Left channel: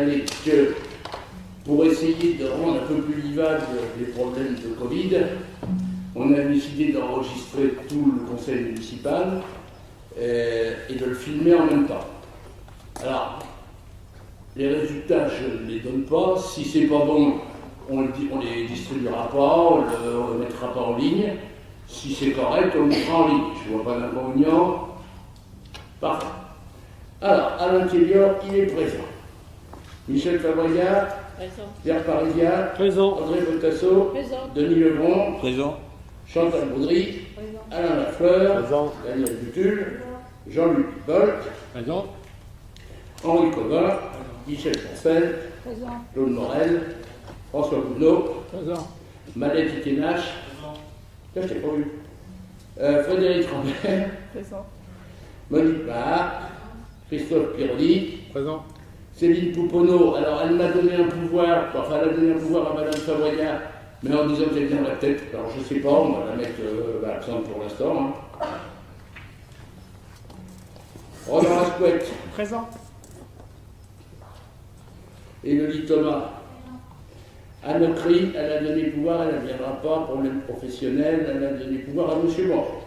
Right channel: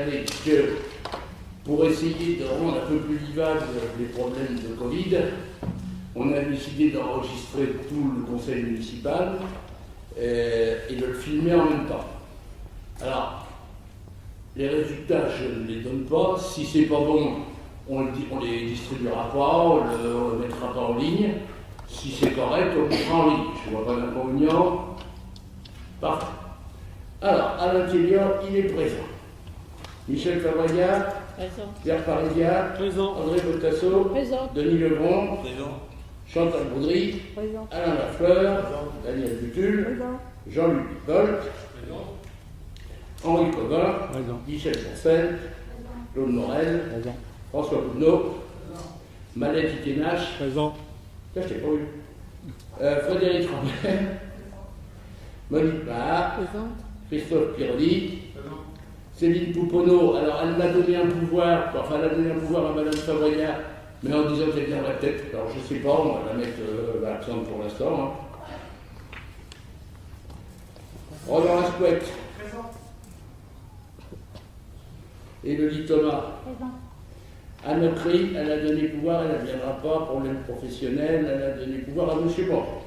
signaler que pour essayer de rendre un peu plus vivables les problèmes de Covid, on a décidé d'enregistrer tout le conseil municipal et de le filmer en même temps. Alors, les résultats, je ne les donne pas. Si c'est pas bon, on les distribuera pas, on ne le mettra pas en ligne. Si c'est correct, on le mettra en ligne. Je ne vois pas d'inconvénient. Parfait. Alors, Alain Kellior, il est présent. Michel Fabregat, présent. Pierre Parédia, présent. André Bottasso, présent. Denis Lebron, présent. Chantal Baudry, présent. Alain Lafleur, présent. Daniel Butul, présent. Jean-Luc Bolt, présent. Henri Covin, présent. Michel Ponsen, présent. Claude Morel, présent. François Boudneau, présent. Malette Ikenache, présent. Ça, je t'ai pas vu. Frédéric Rambert, présent. Monique Mahar, présent. Christophe Piroli, présent. Céline Pouponneau, alors elle m'a donné un pouvoir, enfin elle a donné un pouvoir à Madame Fabregat, mais en disant qu'elle vient la tête, alors je sais pas, on va la mettre absente pour l'instant. Hein. Roland Asquette, présent. Et Loli Thomas. Anne Ocry, elle a donné pouvoir, elle ne viendra pas, problème professionnel, elle a donné pouvoir à M. Mort.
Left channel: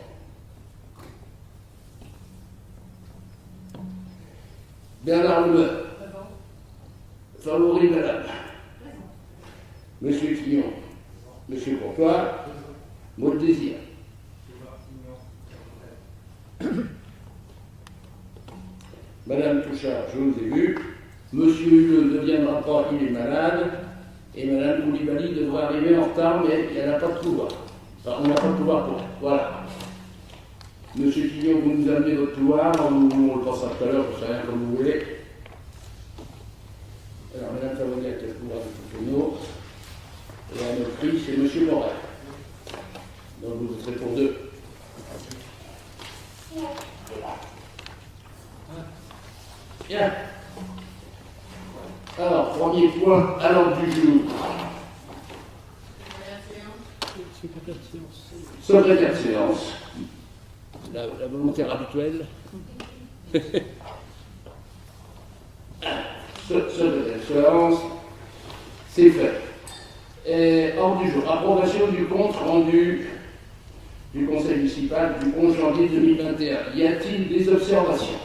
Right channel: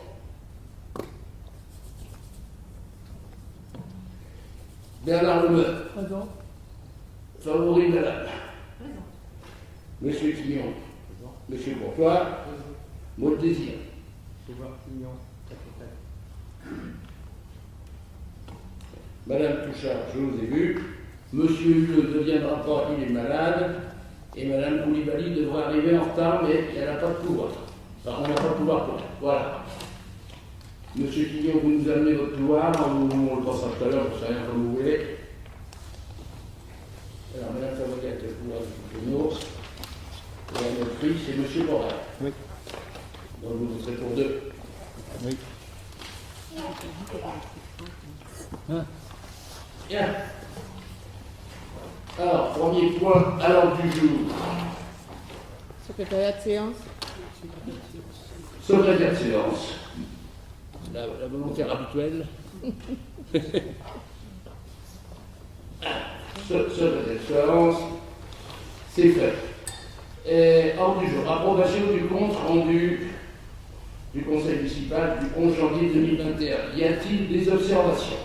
Bernard Lemeur. Présent. Favori Madame. Présent. Monsieur Quignon. Présent. Monsieur Courtois. Maud Désir. Madame Touchard, je vous ai vu. Monsieur Huleux ne viendra pas, il est malade. Et Madame Koulibaly devrait arriver en retard, mais elle n'a pas de pouvoir. Enfin, on n'a pas de pouvoir pour elle. Voilà. Monsieur Quignon, vous nous amenez votre pouvoir, on le pensera tout à l'heure, je ne sais rien comme vous voulez. Alors, Madame Fabregat a le pouvoir de Pouponneau. Et à notre prix, c'est Monsieur Morel. Oui. Donc vous serez pour deux. Oui. Bien. Alors, premier point à l'ordre du jour. Secrétariat de séance. Secrétaire de séance. La volontaire habituelle. Secrétaire de séance. C'est fait. Ordre du jour. Approbation du compte rendu du Conseil municipal du 11 janvier 2021. Y a-t-il des observations?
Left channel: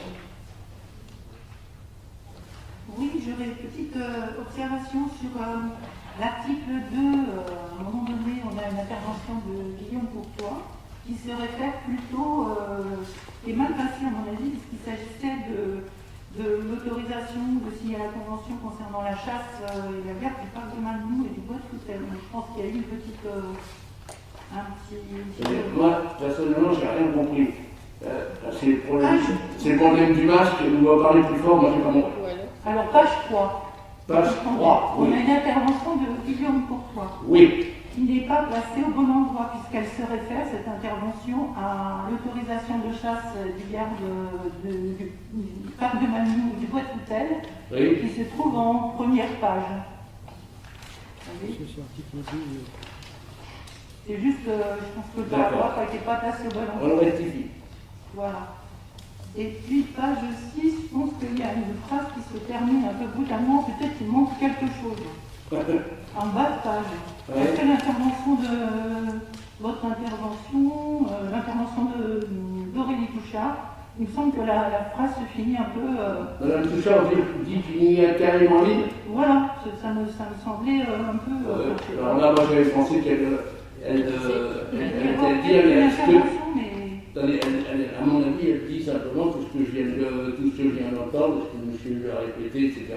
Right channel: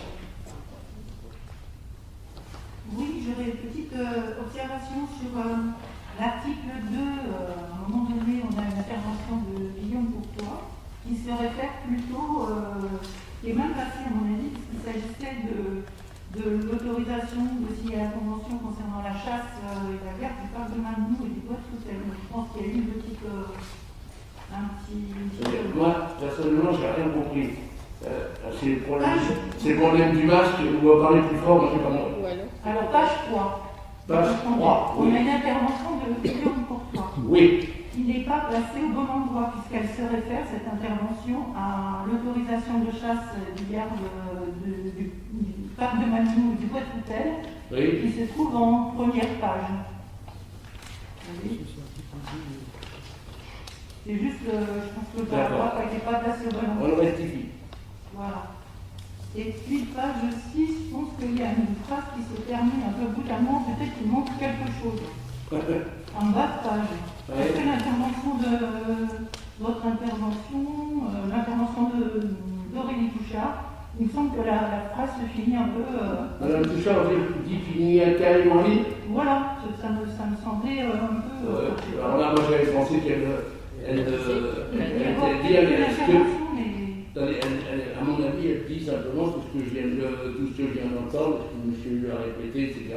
Oui, j'aurais une petite observation sur l'article 2. À un moment donné, on a une intervention de Guillaume Courtois qui se réfère plutôt, et même passé à mon avis, puisqu'il s'agissait de l'autorisation, de signer la convention concernant la chasse et la garde du parc de Malmou et du bois de Foutel. Je pense qu'il y a eu une petite... Moi, personnellement, je n'ai rien compris. C'est le problème du masque, on va parler plus fort, moi je sais pas moi. Alors, page 3. Page 3, oui. On a une intervention de Guillaume Courtois. Oui. Il n'est pas placé au bon endroit, puisqu'elle se réfère, cette intervention, à l'autorisation de chasse du garde du parc de Malmou et du bois de Foutel, oui, qui se trouve en première page. Oui. C'est juste, je pense que le paragraphe n'était pas placé au bon endroit. On le rectifie. Voilà. Et puis, page 6, je pense qu'il y a une phrase qui se termine un peu brutalement, peut-être qu'il manque quelque chose. En bas de page. Ouais. Après l'intervention de votre intervention, l'intervention d'Aurélie Touchard, il me semble que la phrase se finit un peu... Madame Touchard dit qu'il n'y a carrément ligne. Voilà, ça me semblait un peu... alors là, moi j'avais pensé qu'elle était dit, à mon avis, elle dit simplement tout ce que je viens d'entendre, ce que monsieur lui a répété, etc.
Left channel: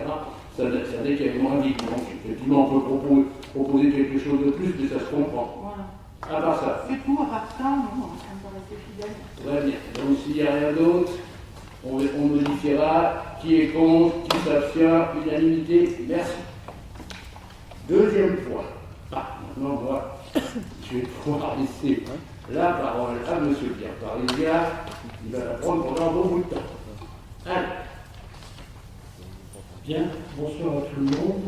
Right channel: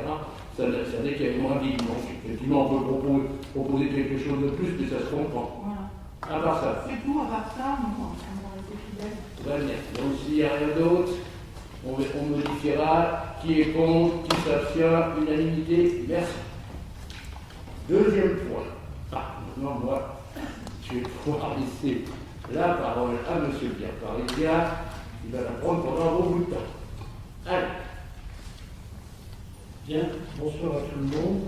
Ça n'est qu'il y avait moins vite. Donc, effectivement, on peut proposer quelque chose de plus, mais ça se comprend. Voilà. À part ça. C'est tout, à part ça, on va rester fidèle. Très bien. Donc, s'il n'y a rien d'autre, on modifiera qui est contre, qui s'abstient, unanimité. Merci. Deuxième point. Maintenant, moi, je vais pouvoir laisser la parole à M. Pierre Parédia. Il va la prendre pendant un bon bout de temps. Allez. Bien, bonsoir à tout le monde.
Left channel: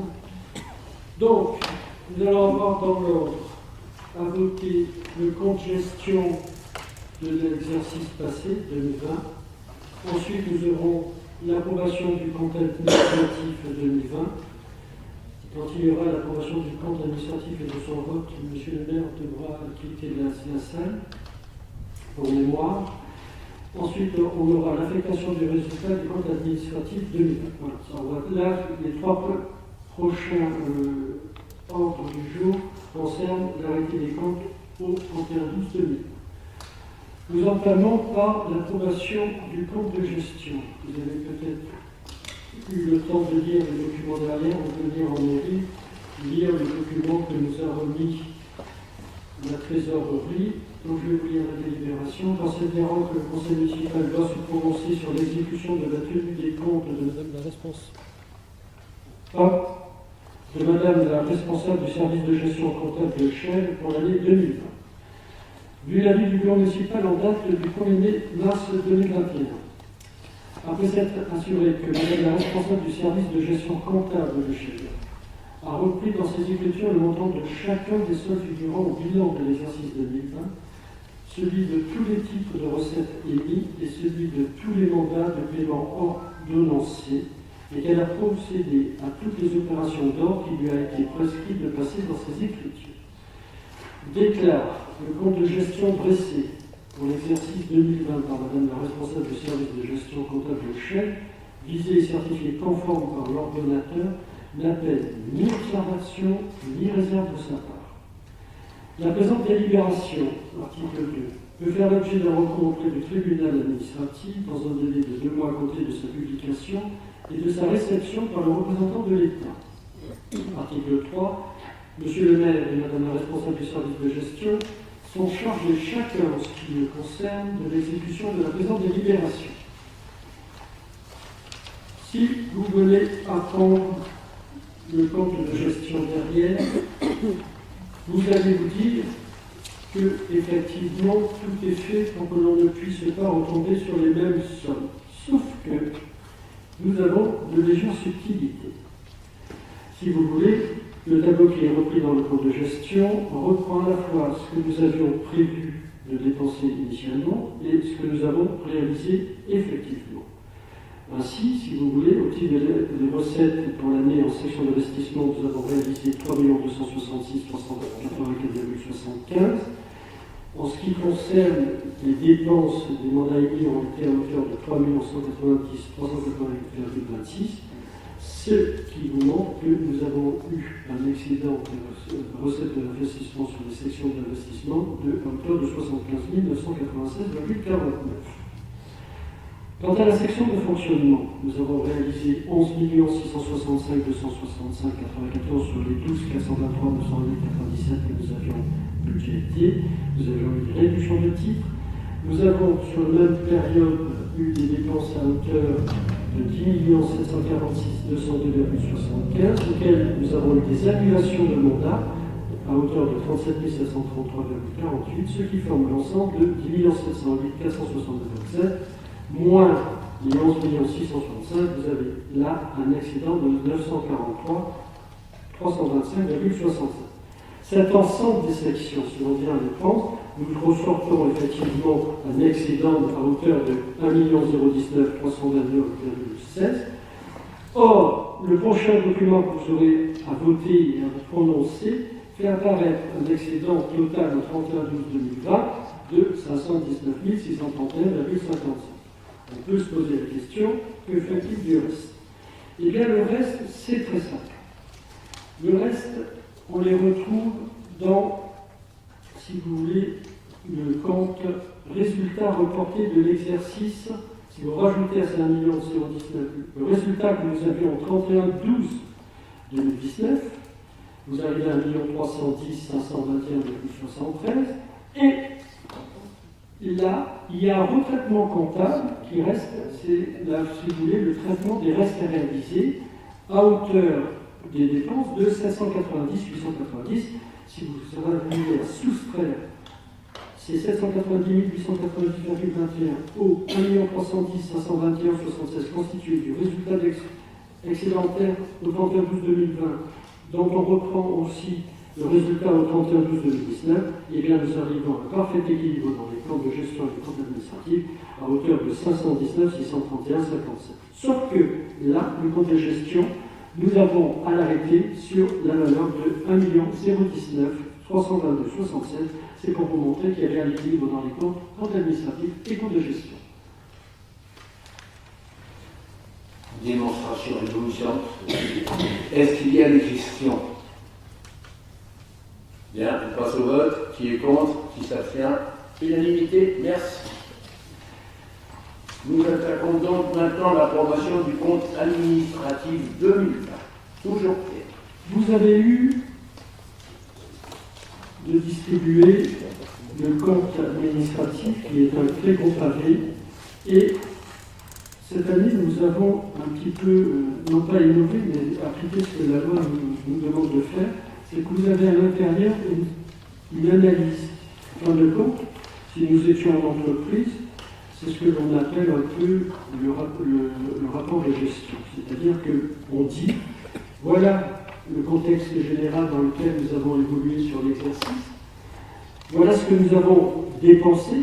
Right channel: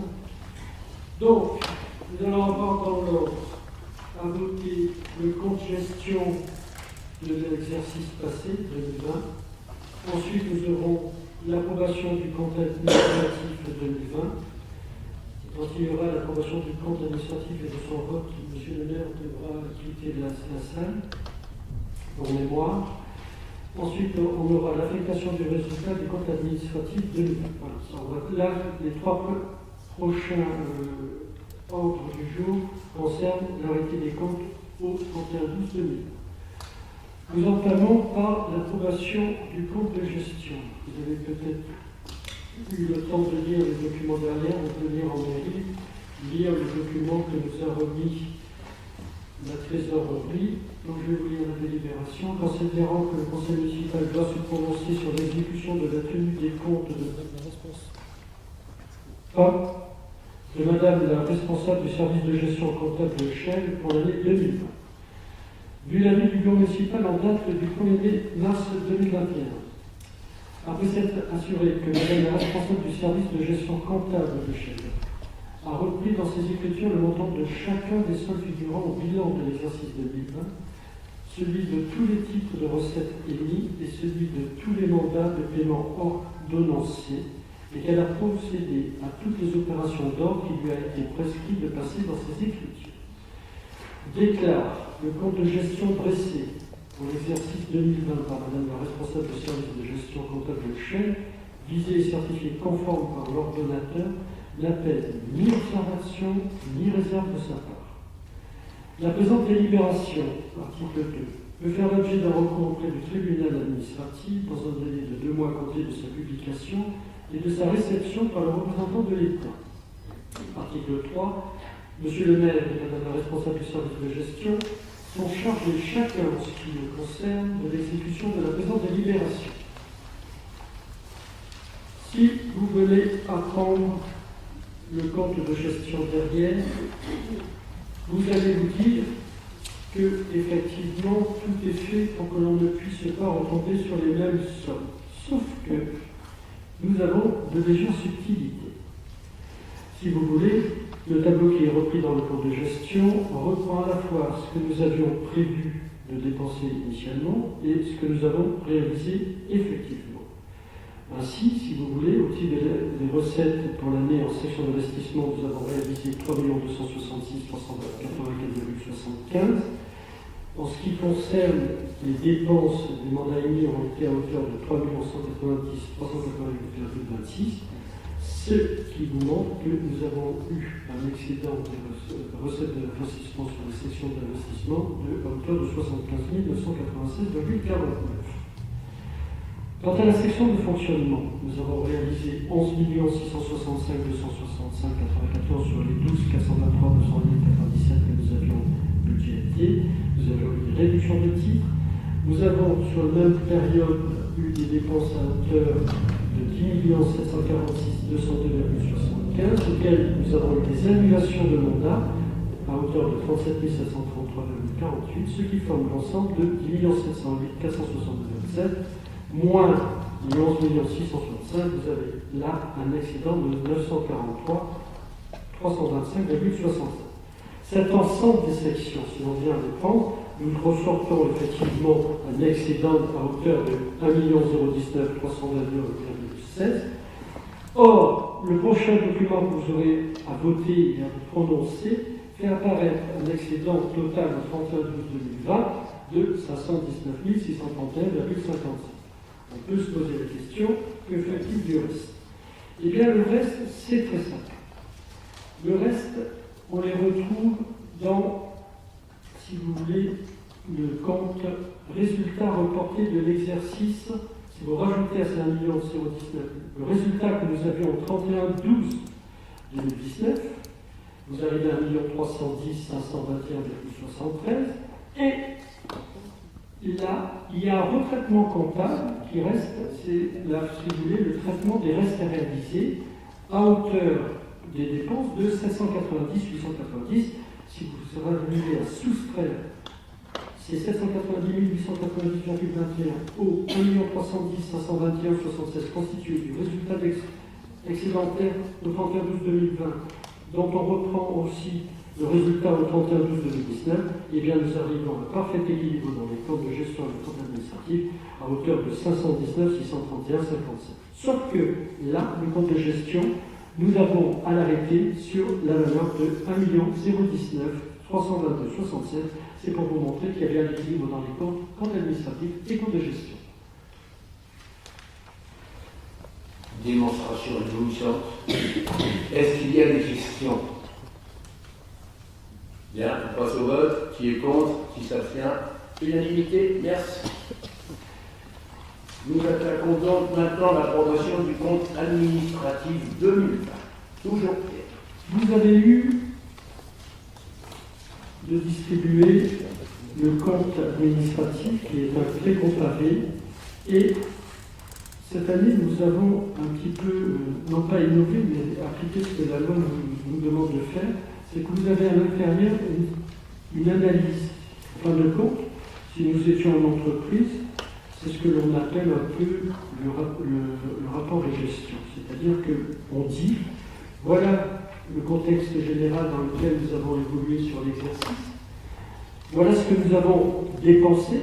Donc, nous allons avoir dans l'ordre à voter le compte gestion de l'exercice passé, 2020. Ensuite, nous aurons l'approbation du compte administratif 2020. Quand il y aura l'approbation du compte administratif et de son vote, M. le maire devra quitter la salle pour mémoire. Ensuite, on aura l'affectation du résultat du compte administratif 2020. Voilà. Là, les trois prochains ordres du jour concernent l'arrêté des comptes au 31/12/2020. Nous entamons par l'approbation du compte de gestion. Vous avez peut-être eu le temps de lire les documents derrière, on peut lire en mairie, lire les documents que nous a remis la trésorerie. Donc je vais vous lire la délibération. Considérant que le conseil municipal doit se prononcer sur l'exécution de la tenue des comptes de Madame la responsable du service de gestion comptable de Chelles pour l'année 2020. Vu l'avis du bureau municipal en date du 1er mars 2021, après s'être assuré que Madame la responsable du service de gestion comptable de Chelles a repris dans ses écritures le montant de chacun des soldes figurant au bilan de l'exercice 2020, celui de tous les titres de recettes émis et celui de tous les mandats de paiement ordonnancés, et qu'elle a procédé à toutes les opérations d'ordre qui lui a été prescrit de passer dans ses écritures. Déclare le compte de gestion dressé pour l'exercice 2020 par Madame la responsable du service de gestion comptable de Chelles, visé et certifié conforme par l'ordonnateur, n'appelle ni observation ni réserve de sa part. La présente délibération, article 2, peut faire l'objet d'un recours auprès du tribunal administratif dans un délai de 2 mois compté de sa publication et de sa réception par le représentant de l'État. Article 3. Monsieur le maire et Madame la responsable du service de gestion sont chargés chacun en ce qui le concerne de l'exécution de la présente délibération. Si vous venez apprendre le compte de gestion derrière, vous allez vous dire que effectivement tout est fait pour que l'on ne puisse pas retomber sur les mêmes sommes. Sauf que nous avons de légères subtilités. Si vous voulez, le tableau qui est repris dans le compte de gestion reprend à la fois ce que nous avions prévu de dépenser initialement et ce que nous avons réalisé effectivement. Ainsi, si vous voulez, au titre des recettes pour l'année en section d'investissement, nous avons réalisé 3 266 384,75. En ce qui concerne les dépenses des mandats émis ont été à hauteur de 3 190 388,26. Ce qui vous montre que nous avons eu un excédent de recettes d'investissement sur les sections d'investissement de hauteur de 75 996,49. Quant à la section de fonctionnement, nous avons réalisé 11 665 265,94 sur les 12 423 997 que nous avions budgétés. Nous avions eu des réductions de titres. Nous avons, sur la même période, eu des dépenses à hauteur de 10 746 202,75, auxquelles nous avons eu des annulations de mandats à hauteur de 37 733,48, ce qui forme l'ensemble de 10 708 462,7, moins les 11 665, vous avez là un excédent de 943 325,65. Cet ensemble des sections, si l'on vient les prendre, nous ressortons effectivement un excédent à hauteur de 1 019 322,16. Or, le prochain document que vous aurez à voter et à prononcer fait apparaître un excédent total au 31/12/2020 de 519 631,55. On peut se poser la question, que fait-il du reste? Eh bien, le reste, c'est très simple. Le reste, on les retrouve dans, si vous voulez, le compte résultat reporté de l'exercice. Si vous rajoutez à ces 1 019 le résultat que nous avions au 31/12/2019, vous arrivez à 1 310 521,73. Et là, il y a un retraitement comptable qui reste, c'est là, si vous voulez, le traitement des restes à réaliser à hauteur des dépenses de 790 890. Si vous arrivez à soustraire ces 790 890,21 au 1 310 521,76 constitués du résultat excédentaire au 31/12/2020, dont on reprend aussi Le résultat au 31/12/2019, eh bien, nous arrivons à un parfait équilibre dans les comptes de gestion et les comptes administratifs à hauteur de 519 631 57. Sauf que là, le compte de gestion, nous avons à l'arrêter sur la valeur de 1 019 322 67. C'est pour vous montrer qu'il y a bien l'équilibre dans les comptes administratifs et comptes de gestion. Démonstration éblouissante. Est-ce qu'il y a des questions? Bien, on passe au vote. Qui est contre? Qui s'abstient? Unanimité, merci. Nous attaquons donc maintenant l'approbation du compte administratif 2020. Toujours Pierre. Vous avez eu de distribuer le compte administratif qui est un très comparé et cette année nous avons un petit peu, non pas innové, mais appliqué ce que la loi nous demande de faire, c'est que vous avez à l'intérieur une analyse. En fin de compte, si nous étions en entreprise, c'est ce que l'on appelle un peu le rapport de gestion. C'est-à-dire qu'on dit, voilà le contexte général dans lequel nous avons évolué sur l'exercice, voilà ce que nous avons dépensé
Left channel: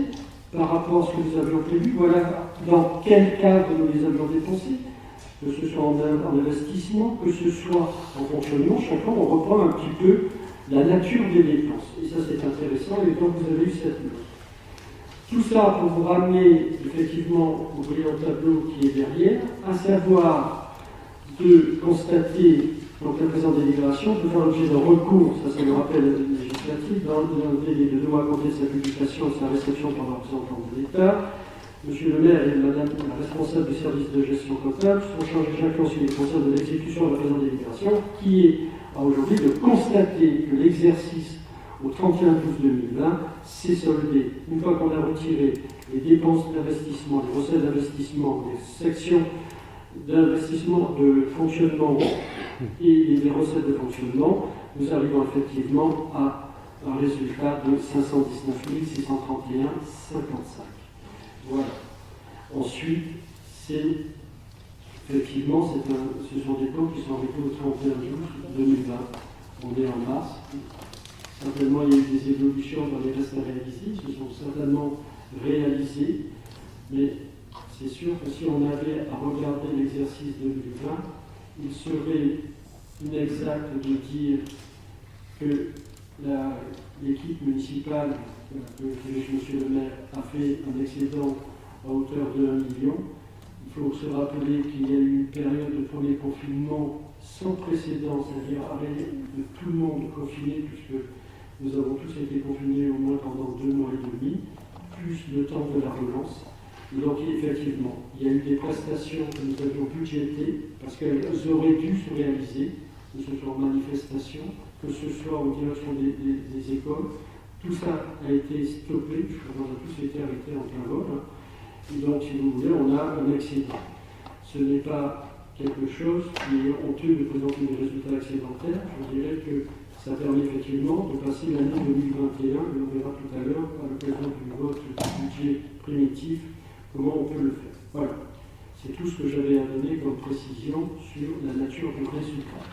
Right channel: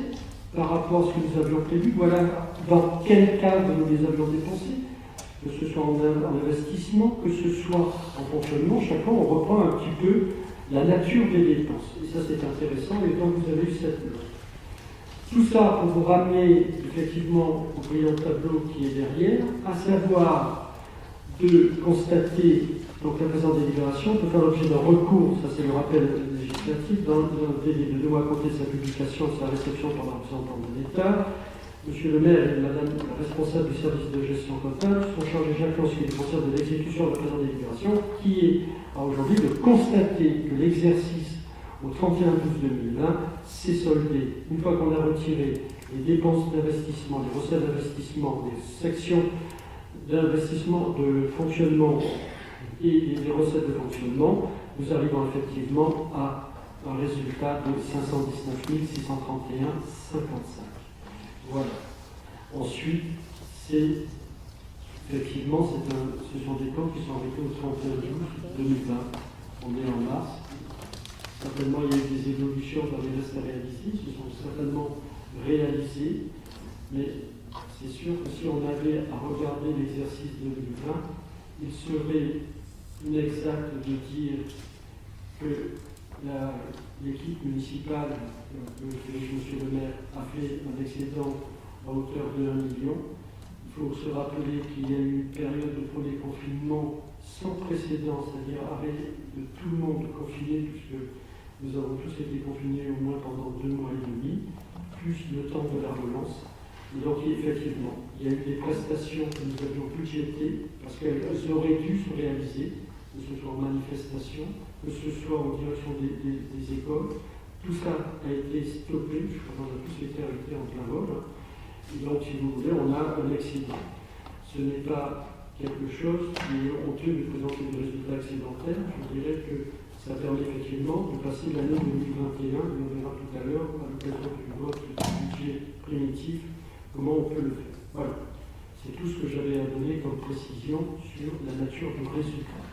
par rapport à ce que nous avions prévu, voilà dans quel cadre nous les avions dépensés, que ce soit en investissement, que ce soit en fonctionnement, chaque fois on reprend un petit peu la nature des dépenses. Et ça c'est intéressant, et quand vous avez eu cette note. Tout ça pour vous ramener effectivement au brillant tableau qui est derrière, à savoir de constater donc la présente délibération peut faire l'objet d'un recours, ça c'est le rappel législatif, dans un délai de 2 mois à compter de sa publication et de sa réception par le représentant de l'État. Monsieur le maire et madame la responsable du service de gestion comptable sont chargés chacun en ce qui les concerne de l'exécution de la présente délibération, qui est aujourd'hui de constater que l'exercice au 31/12/2020 s'est soldé. Une fois qu'on a retiré les dépenses d'investissement, les recettes d'investissement, les sections d'investissement de fonctionnement et les recettes de fonctionnement, nous arrivons effectivement à un résultat de 519 631,55. Voilà. Ensuite, effectivement, ce sont des comptes qui sont arrêtés au 31/12/2020. On est en mars. Certainement, il y a eu des évolutions dans les restes à réaliser, ils se sont certainement réalisés, mais c'est sûr que si on avait à regarder l'exercice 2020, il serait inexact de dire que l'équipe municipale que dirige M. le maire a fait un excédent à hauteur de 1 million. Il faut se rappeler qu'il y a eu une période de premier confinement sans précédent, c'est-à-dire arrêt de tout le monde confiné, puisque nous avons tous été confinés au moins pendant 2 mois et demi, plus le temps de la relance. Donc effectivement, il y a eu des prestations que nous avions budgétées, parce qu'elles auraient dû se réaliser, que ce soit en manifestation, que ce soit en direction des écoles. Tout ça a été stoppé, je crois qu'on a tous été arrêtés en plein vol. Donc, si vous voulez, on a un excédent. Ce n'est pas quelque chose qui est honteux de présenter des résultats excédentaires. Je dirais que ça permet effectivement de passer l'année 2021, et on verra tout à l'heure, à l'occasion du vote du budget primitif, comment on peut le faire. Voilà. C'est tout ce que j'avais à donner comme précision sur la nature du résultat.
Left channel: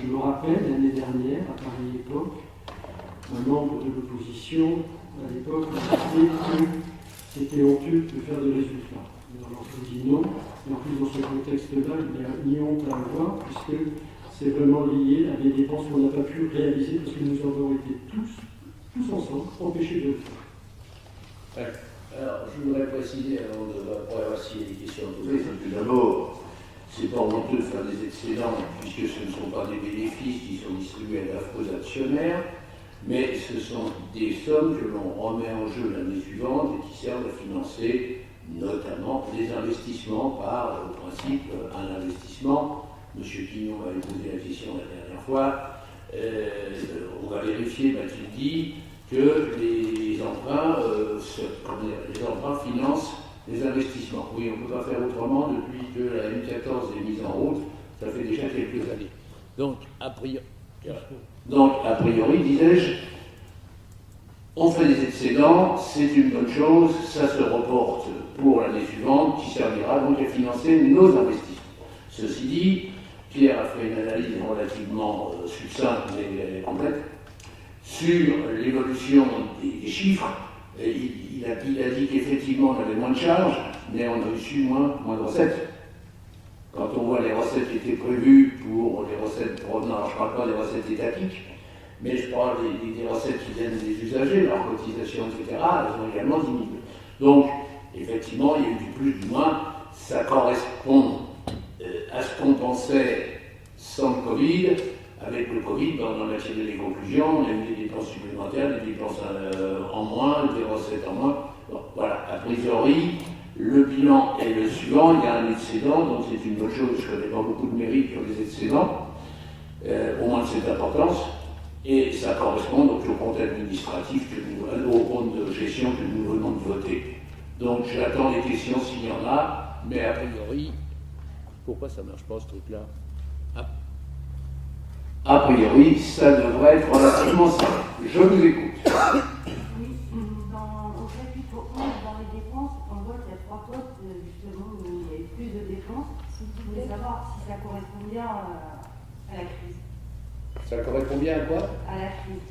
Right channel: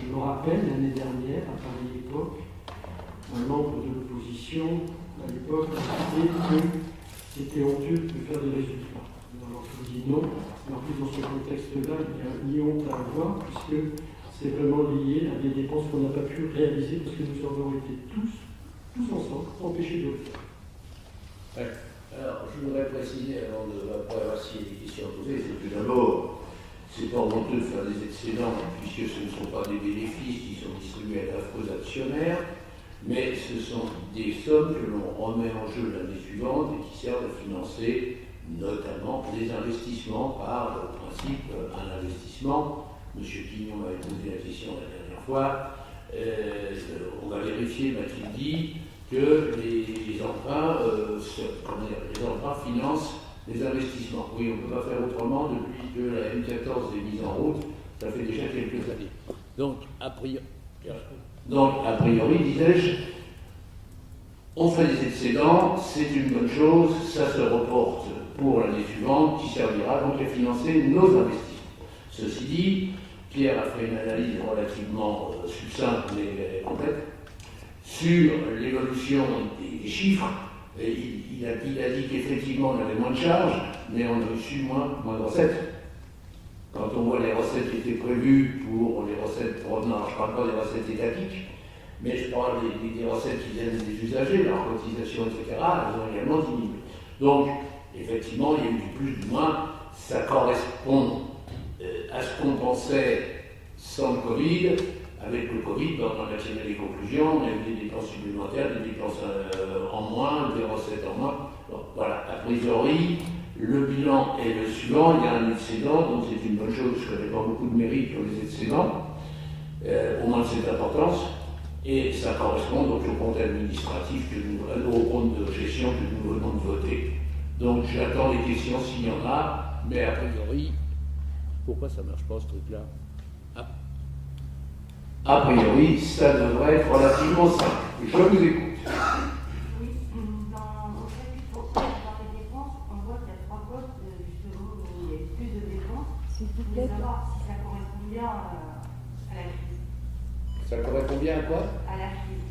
Je me rappelle, l'année dernière, à pareille époque, un membre de l'opposition, à l'époque, a dit que c'était honteux de faire des résultats. Alors je vous dis non, mais en plus dans ce contexte-là, il n'y a ni honte à avoir, puisque c'est vraiment lié à des dépenses qu'on n'a pas pu réaliser, parce que nous avons été tous ensemble, empêchés de le faire. Ouais. Alors, je voudrais préciser, avant de voir s'il y a des questions à poser, c'est que d'abord, c'est pas honteux de faire des excédents, puisque ce ne sont pas des bénéfices qui sont distribués aux actionnaires, mais ce sont des sommes que l'on remet en jeu l'année suivante et qui servent à financer notamment des investissements par le principe un investissement. M. Quignon m'avait posé la question la dernière fois. On va vérifier, m'a-t-il dit, que les emprunts financent les investissements. Oui, on ne peut pas faire autrement depuis que la M14 est mise en route. Ça fait déjà quelques années. Donc, a priori, disais-je, on fait des excédents, c'est une bonne chose, ça se reporte pour l'année suivante, qui servira donc à financer nos investissements. Ceci dit, Pierre a fait une analyse relativement succincte mais complète Sur l'évolution des chiffres, il a dit qu'effectivement on avait moins de charges, mais on a reçu moins de recettes. Quand on voit les recettes qui étaient prévues pour les recettes, non, je ne parle pas des recettes étatiques, mais je parle des recettes qui viennent des usagers, leurs cotisations, etc., elles ont également diminué. Donc, effectivement, il y a eu du plus, du moins, ça correspond à ce qu'on pensait sans le Covid. Avec le Covid, on a tiré les conclusions, on a eu des dépenses supplémentaires, des dépenses en moins, des recettes en moins. Bon, voilà, a priori, le bilan est le suivant, il y a un excédent, donc c'est une bonne chose, je ne connais pas beaucoup de mairies qui ont des excédents, au moins de cette importance, et ça correspond donc au compte administratif, au compte de gestion que nous venons de voter. Donc j'attends les questions s'il y en a, mais a priori, pourquoi ça ne marche pas ce truc-là? A priori, ça devrait être relativement simple. Je vous écoute. Oui, au crédit pour dans les dépenses, on voit qu'il y a 3 postes justement où il y a plus de dépenses. Je voulais savoir si ça correspond bien à la crise. Ça correspond bien à quoi? À la crise.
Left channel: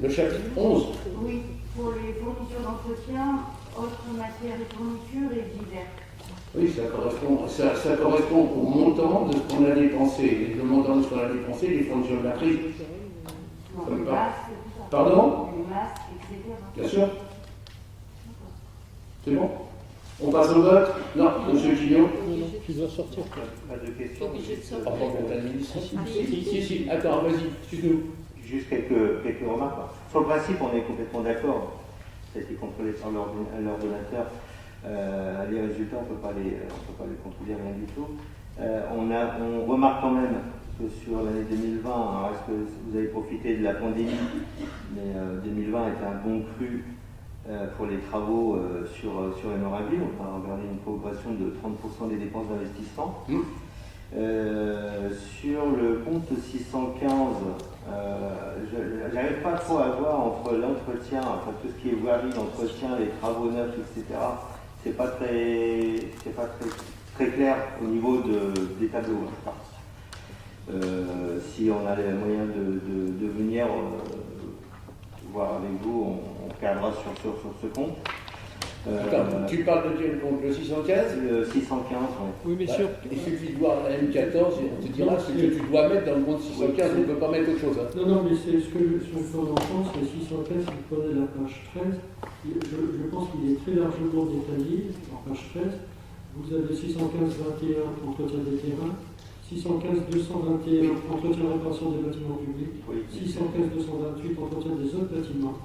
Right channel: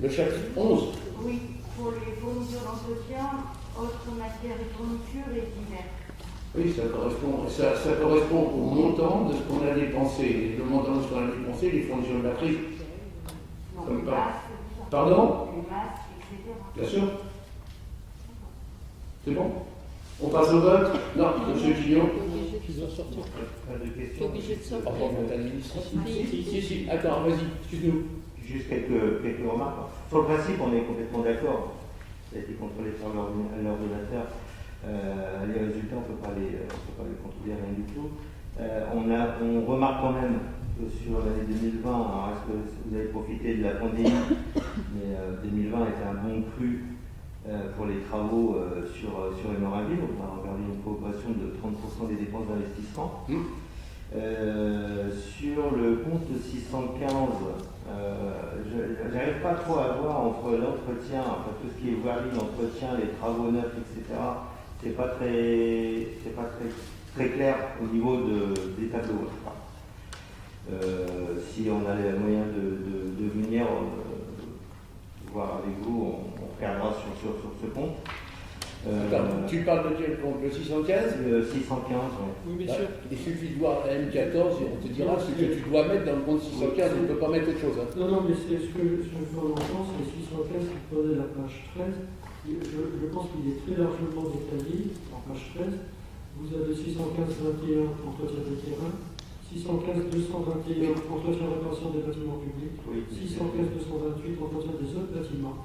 Le chapitre 11. Oui, pour les fournitures d'entretien, autres matières et fournitures et divers. Oui, ça correspond au montant de ce qu'on a dépensé. Le montant de ce qu'on a dépensé, les fonctions de la crise. Non, Comme les pas. masques, tout ça. Pardon? Les masques, etc. Bien sûr. C'est bon? On passe au vote? Non, monsieur Guillon. Tu dois sortir. Pas de questions. Obligé de sortir. Rapport compte administratif. Si. Attends, vas-y, excuse-nous. Juste quelques remarques. Sur le principe, on est complètement d'accord. Ça a été contrôlé par l'ordonnateur. Les résultats, on ne peut pas les contrôler, rien du tout. On remarque quand même que sur l'année 2020, alors est-ce que vous avez profité de la pandémie, mais 2020 était un bon cru pour les travaux sur Hémoraville. On a regardé une progression de 30% des dépenses d'investissement. Sur le compte 615, j'arrive pas trop à voir entre l'entretien, enfin tout ce qui est voirie, l'entretien, les travaux neufs, etc. C'est pas très clair au niveau des tableaux. Si on a les moyens de venir voir avec vous, on regardera sur ce compte. Attends, tu parles de quel compte? Le 615? Le 615, Oui, mais sûr. Il suffit de voir la M14 et on te dira ce que tu dois mettre dans le compte 615, on ne peut pas mettre autre chose. Hein. Non, mais c'est ce que je fais en enfance, le 615, vous prenez la page 13, je pense qu'il est très largement détaillé, en page 13. Vous avez 615-21, entretien des terrains, 615-221, entretien et réparation des bâtiments publics, 615-228, entretien des autres bâtiments,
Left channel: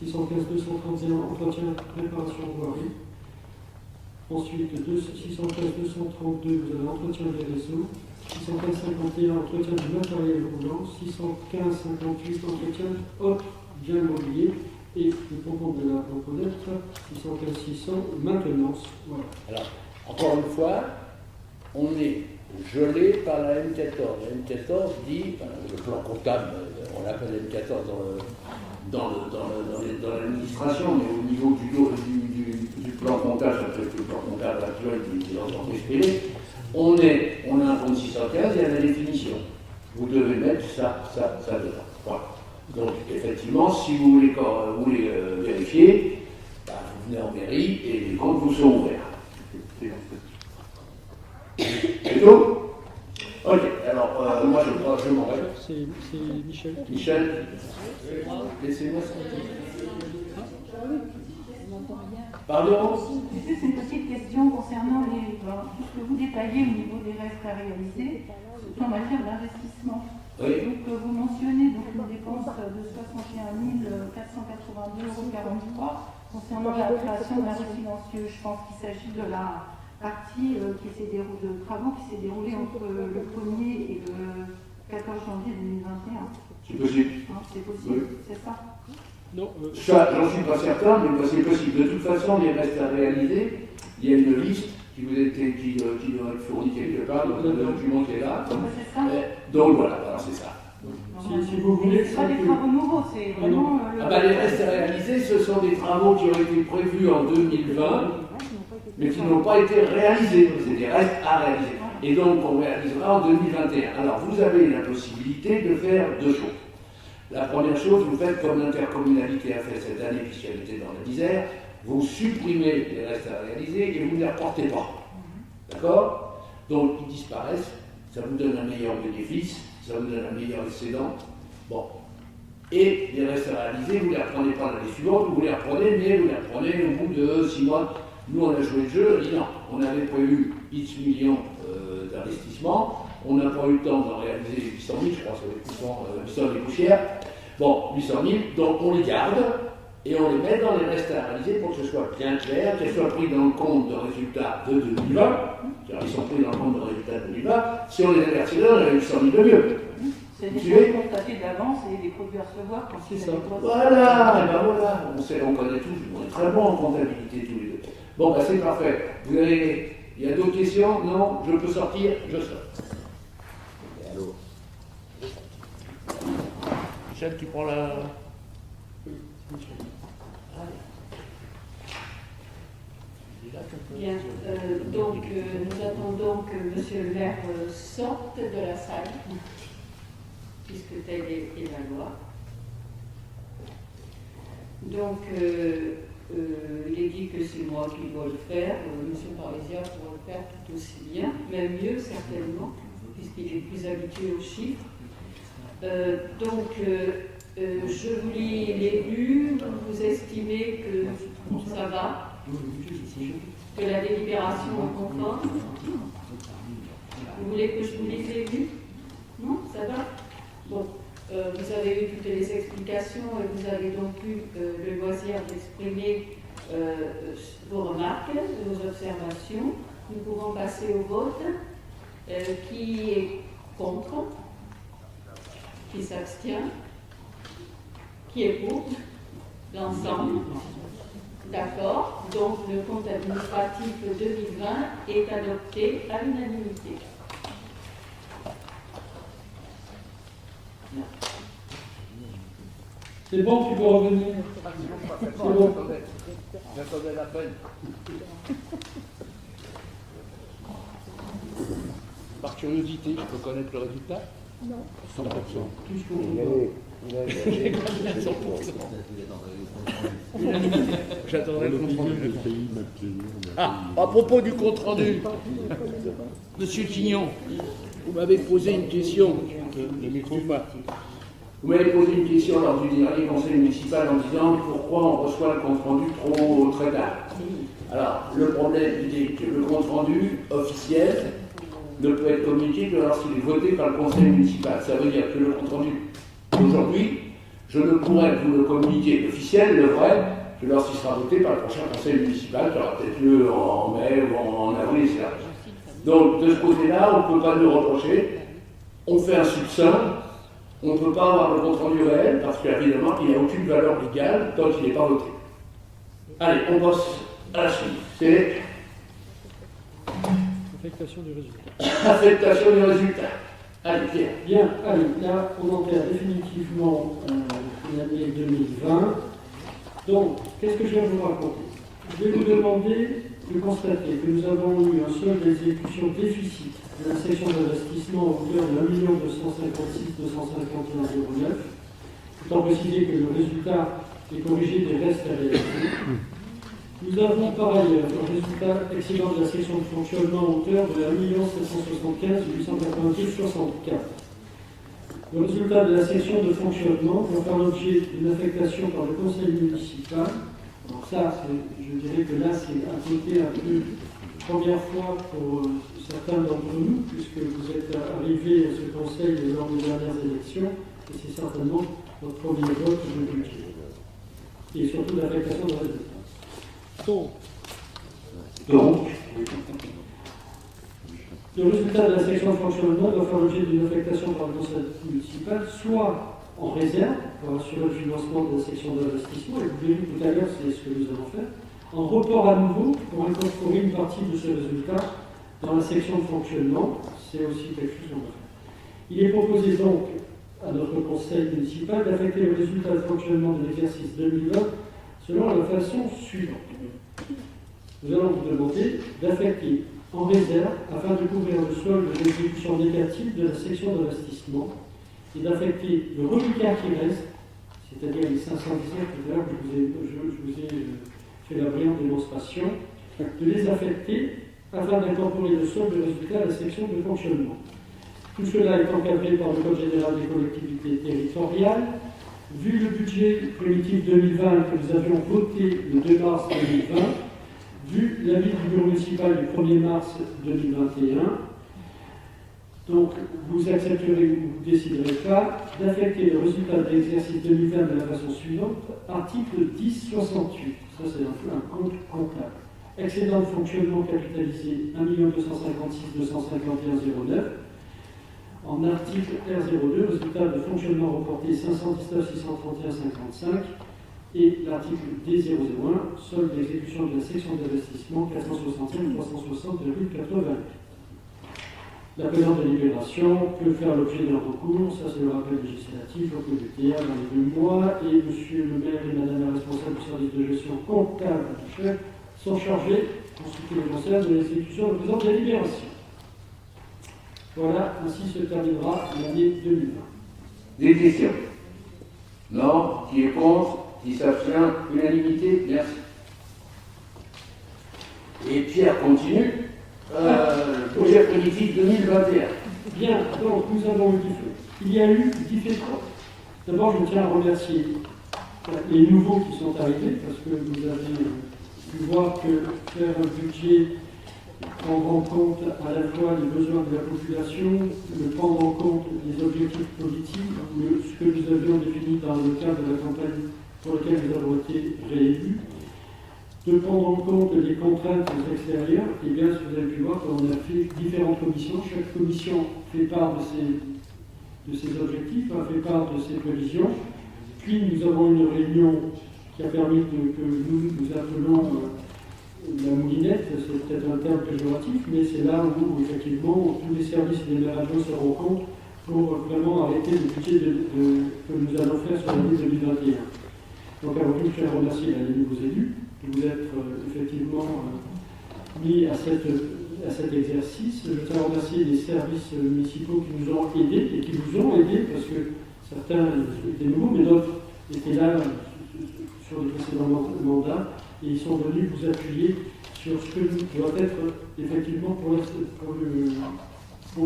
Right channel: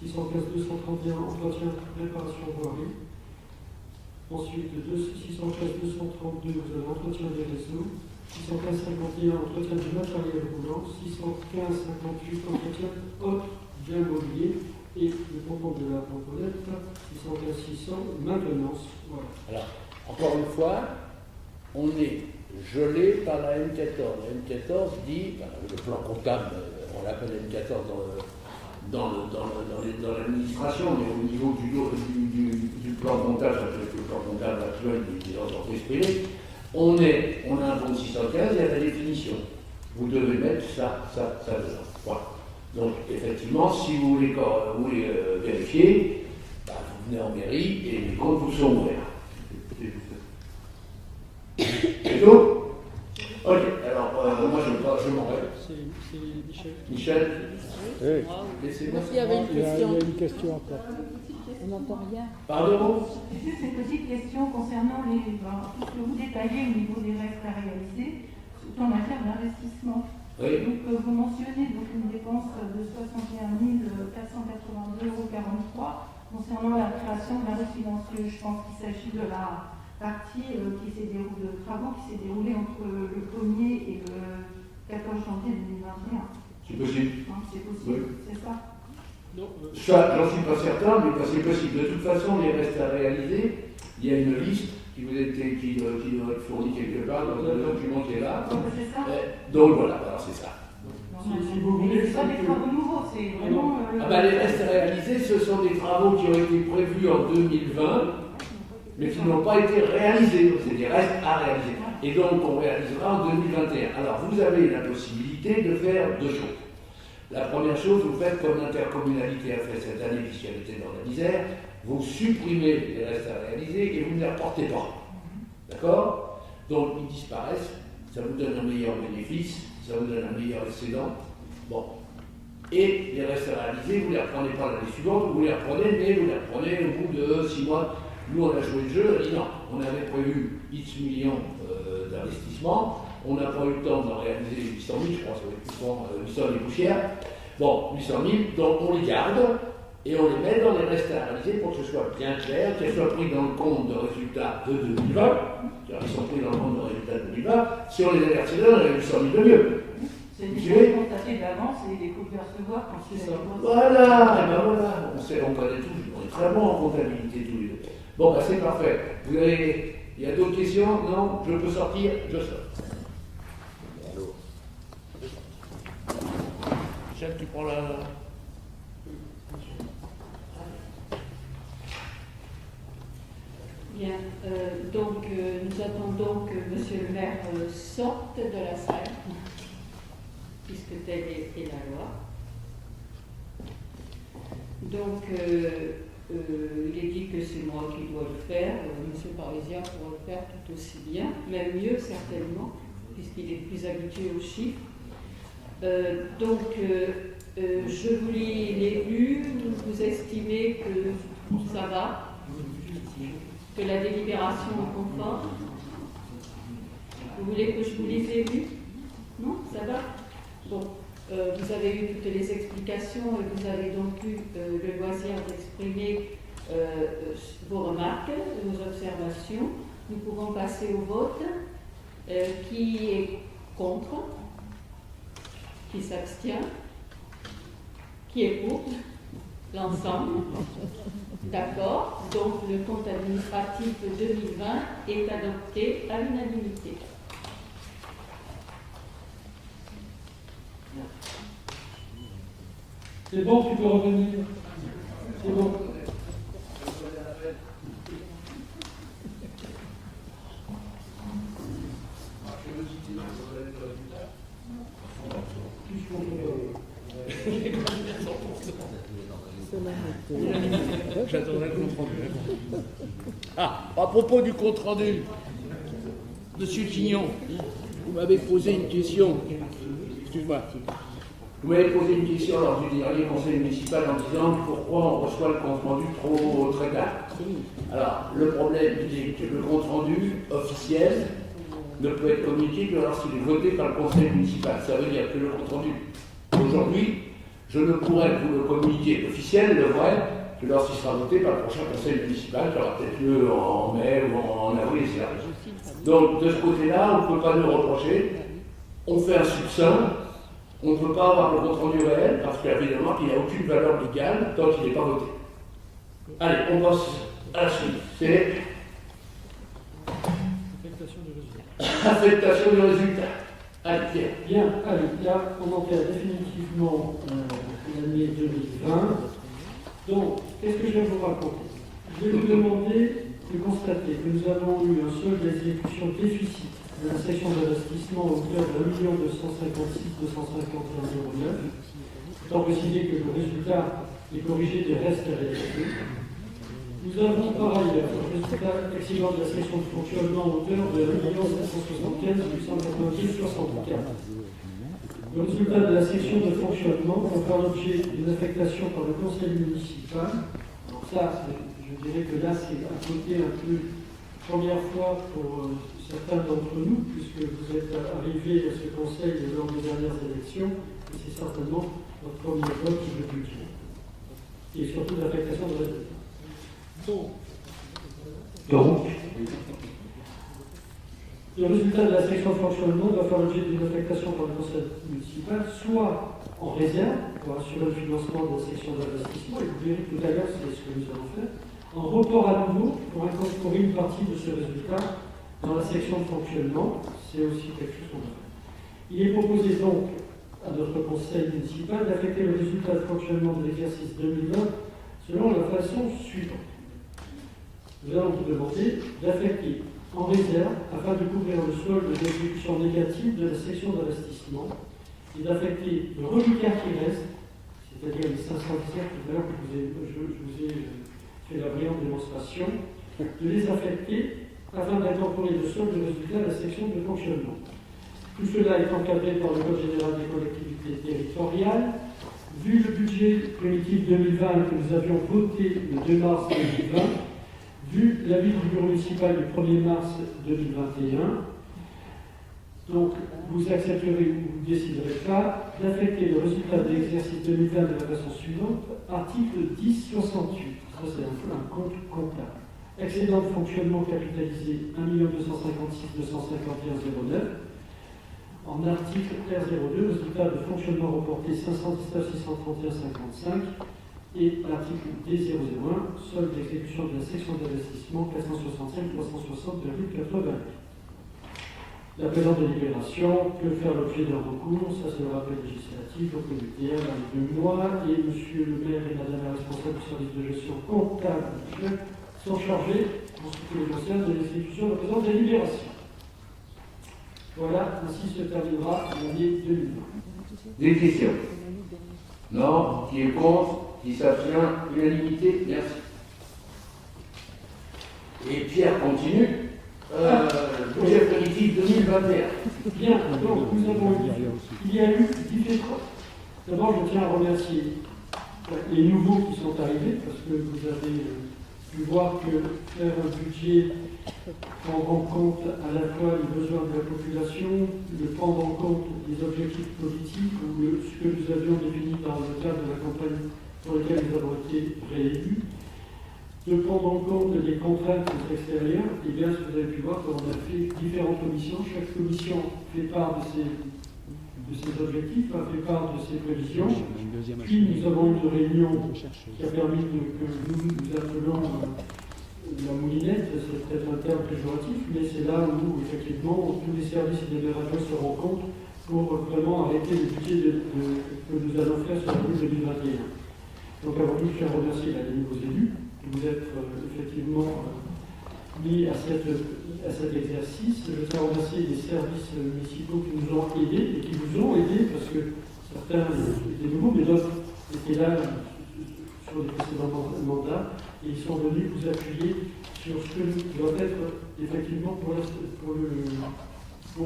615-231, entretien, réparation voirie. Ensuite, 615-232, vous avez entretien des réseaux. 615-51, entretien du matériel roulant. 615-58, entretien autres biens mobiliers. Et le montant de la componente, 615-600, maintenance. Voilà. Alors, encore une fois, on est gelé par la M14. La M14 dit, le plan comptable, on l'appelle M14 dans l'administration, mais au niveau du plan comptable, ça peut être le plan comptable actuel des entreprises privées, on a un compte 615 et à la définition. Vous devez mettre ça dedans. Voilà. Donc, effectivement, si vous voulez vérifier, vous venez en mairie et les comptes vous sont ouverts. C'est tout? Ok, alors moi je m'en vais. C'est Michel. Michel? Oui. Laissez-moi Il y avait une question après. On n'entend rien. Pardon? Juste une petite question concernant tout ce que vous détaillez au niveau des restes à réaliser, surtout en matière d'investissement. Oui. Donc, vous mentionnez donc une dépense de 61 482,43 € concernant la création d'un récit financier. Je pense qu'il s'agit de la partie de travaux qui s'est déroulée entre le 1er et le 14 janvier 2021. C'est possible. C'est possible, Oui. c'est ça? Non, Ça, j'en suis pas certain, mais c'est possible. De toute façon, les restes à réaliser, il y a une liste qui doit être fournie quelque part dans un document qui est là. C'est ça? Donc voilà, c'est ça. Si vous voulez, c'est pas des travaux nouveaux, c'est vraiment. Les restes à réaliser, ce sont des travaux qui ont été prévus en 2020, mais qui n'ont pas été réalisés. C'est des restes à réaliser. Et donc, on réalisera en 2021. Alors, vous avez la possibilité de faire deux choses. La première chose, vous faites comme l'intercommunalité a fait cette année, puisqu'elle était dans la misère, vous supprimez les restes à réaliser et vous ne les reportez pas. D'accord? Donc ils disparaissent, ça vous donne un meilleur bénéfice, ça vous donne un meilleur excédent. Bon. Et les restes à réaliser, vous ne les reprenez pas l'année suivante, vous les reprenez, mais vous les reprenez au bout de 6 mois. Nous, on a joué le jeu, on a dit non, on avait prévu X millions d'investissements, on n'a pas eu le temps d'en réaliser 800 000, je crois, ça va être 800 000 poussières. Bon, 800 000, donc on les garde et on les met dans les restes à réaliser pour que ce soit bien clair, qu'elles soient pris dans le compte de résultats de 2020, car ils sont pris dans le compte de résultats de 2020, si on les avait versés là, on avait 800 000 de mieux. C'est des choses constatées d'avance et des produits à recevoir quand C'est ça. Voilà, et ben voilà, on connaît tous, on est très bons en comptabilité tous les deux. Bon, ben c'est parfait. Vous avez, il y a d'autres questions? Non? Je peux sortir? Je sors. Michel, tu prends la... Bien, donc nous attendons que Monsieur le maire sorte de la salle, puisque telle est la loi. Donc, il est dit que c'est moi qui dois le faire, Monsieur Parisien pourra le faire tout aussi bien, même mieux certainement, puisqu'il est plus habitué aux chiffres. Je vous lis les lus, vous estimez que ça va, que la délibération est conforme. Vous voulez que je vous lise les lus? Non, ça va? Bon, vous avez eu toutes les explications et vous avez donc eu le loisir d'exprimer vos remarques, vos observations. Nous pouvons passer au vote. Qui est contre? Qui s'abstient? Qui est pour? L'ensemble? D'accord. Donc le compte administratif 2020 est adopté à l'unanimité. C'est bon, tu peux revenir. C'est bon. Par curiosité, je peux connaître le résultat? Non. 100%. Plus qu'on J'ai combien? 100%. J'attendrai le compte rendu. Ah, à propos du compte rendu, Monsieur Quignon, vous m'avez posé une question. Excuse-moi. Vous m'avez posé une question lors du dernier conseil municipal en disant pourquoi on reçoit le compte rendu très tard. Alors, le problème, il est que le compte rendu officiel ne peut être communiqué que lorsqu'il est voté par le conseil municipal. Ça veut dire que le compte rendu aujourd'hui, je ne pourrai vous le communiquer officiel, le vrai, que lorsqu'il sera voté par le prochain conseil municipal, qui aura peut-être lieu en mai ou en avril, etc. Donc, de ce côté-là, on ne peut pas nous reprocher. On fait un succinct. On ne peut pas avoir le compte rendu réel parce qu'évidemment, il n'a aucune valeur légale tant qu'il n'est pas voté. Allez, on passe à la suite. C'est Affectation du résultat. affectation du résultat. Allez, Pierre. Bien, allez, là, on enterre définitivement l'année 2020. Donc, qu'est-ce que je vais vous raconter? Je vais vous demander de constater que nous avons eu un solde d'exécution déficit de la section d'investissement au hauteur de 1 256 251,09 €, étant précisé que le résultat est corrigé des restes à réaliser. Nous avons par ailleurs un résultat excédent de la section de fonctionnement à hauteur de 1 775 890,64 €. Le résultat de la section de fonctionnement va faire l'objet d'une affectation par le conseil municipal. Alors ça, je dirais que là, c'est à côté un peu première fois pour certains d'entre nous, puisque vous êtes arrivés à ce conseil lors des dernières élections, et c'est certainement votre premier vote de budget. Et surtout d'affectation de résultats. Donc, le résultat de la section de fonctionnement doit faire l'objet d'une affectation par le conseil municipal, soit en réserve pour assurer le financement de la section d'investissement, et vous verrez tout à l'heure, c'est ce que nous allons faire, en report à nouveau pour incorporer une partie de ce résultat dans la section de fonctionnement, c'est aussi quelque chose qu'on va faire. Il est proposé donc à notre conseil municipal d'affecter le résultat de fonctionnement de l'exercice 2020 selon la façon suivante. Nous allons vous demander d'affecter en réserve, afin de couvrir le solde de l'exécution négative de la section d'investissement, et d'affecter le reliquat qui reste, c'est-à-dire les 517 tout à l'heure que je vous ai fait la brillante démonstration, de les affecter afin d'incorporer le solde de résultat à la section de fonctionnement. Tout cela est encadré par le Code général des collectivités territoriales. Vu le budget primitif 2020 que nous avions voté le 2 mars 2020, vu l'avis du bureau municipal du 1er mars 2021, donc vous accepterez ou vous déciderez pas d'affecter le résultat de l'exercice 2020 de la façon suivante, article 1068. Ça, c'est un compte comptable. Excédent de fonctionnement capitalisé 1 256 251 09. En article R02, résultat de fonctionnement reporté 519 631 55. Et l'article D001, solde d'exécution de la section d'investissement 465 360,80. La présente délibération peut faire l'objet d'un recours, ça c'est le rappel législatif au PVTA dans les 2 mois, et monsieur le maire et madame la responsable du service de gestion comptable sont chargés, pour ce qui les concerne, de l'exécution de la présente délibération. Voilà, ainsi se terminera l'année 2020. Des questions? Non? Qui est contre? Qui s'abstient? Unanimité? Merci. Et Pierre continue. Budget primitif 2021. Bien, donc nous avons eu, il y a eu différents. D'abord, je tiens à remercier les nouveaux qui sont arrivés, parce que vous avez pu voir que faire un budget prendre en compte à la fois les besoins de la population, le prendre en compte des objectifs politiques, ce que nous avions défini dans le cadre de la campagne pour laquelle nous avons été réélus, de prendre en compte les contraintes extérieures. Et bien, si vous avez pu voir, on a fait différentes commissions. Chaque commission fait part de ses objectifs, fait part de ses prévisions. Puis nous avons une réunion qui a permis que nous appelons la moulinette, c'est peut-être un terme péjoratif, mais c'est là où effectivement tous les services et les radios se rencontrent pour vraiment arrêter le budget que nous allons faire sur l'année 2021. Donc avant tout, je tiens à remercier les nouveaux élus de vous être effectivement mis à cet exercice. Je tiens à remercier les services municipaux qui nous ont aidés et qui vous ont aidés, parce que certains étaient nouveaux, mais d'autres étaient là sur les précédents mandats, et ils sont venus vous appuyer sur ce que doit être effectivement pour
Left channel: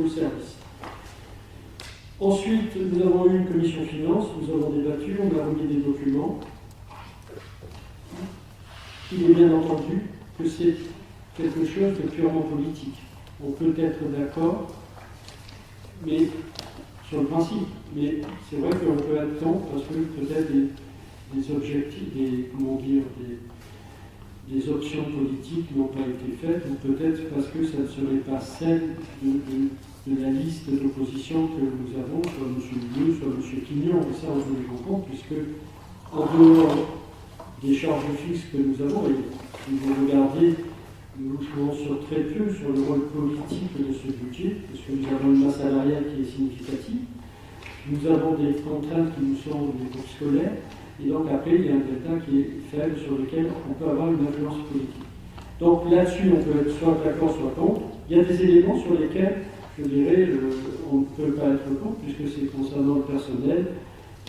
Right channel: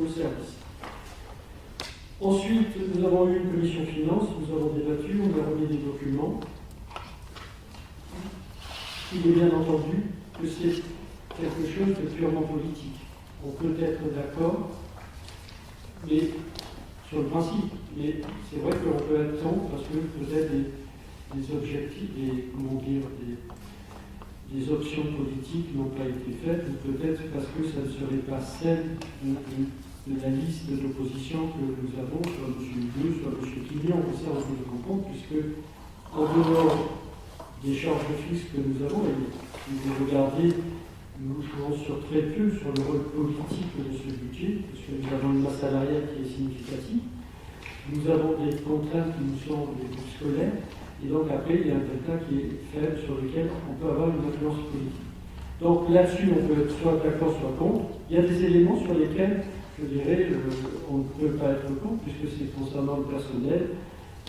le service. Ensuite, nous avons eu une commission finance, nous avons débattu, on a remis des documents. Il est bien entendu que c'est quelque chose de purement politique. On peut être d'accord, mais sur le principe, mais c'est vrai qu'on peut être contre parce que peut-être des objectifs, des options politiques n'ont pas été faites, ou peut-être parce que ça ne serait pas celle de la liste d'opposition que nous avons sur M. Bleu, sur M. Quignon, et ça on se les comprend, puisque en dehors des charges fixes que nous avons, et si vous regardez, nous jouons sur très peu sur le rôle politique de ce budget, parce que nous avons une masse salariale qui est significative, nous avons des contraintes qui nous sont des groupes scolaires, et donc après il y a un delta qui est faible sur lequel on peut avoir une influence politique. Donc là-dessus on peut être soit d'accord, soit contre. Il y a des éléments sur lesquels, je dirais, on ne peut pas être contre, puisque c'est concernant le personnel,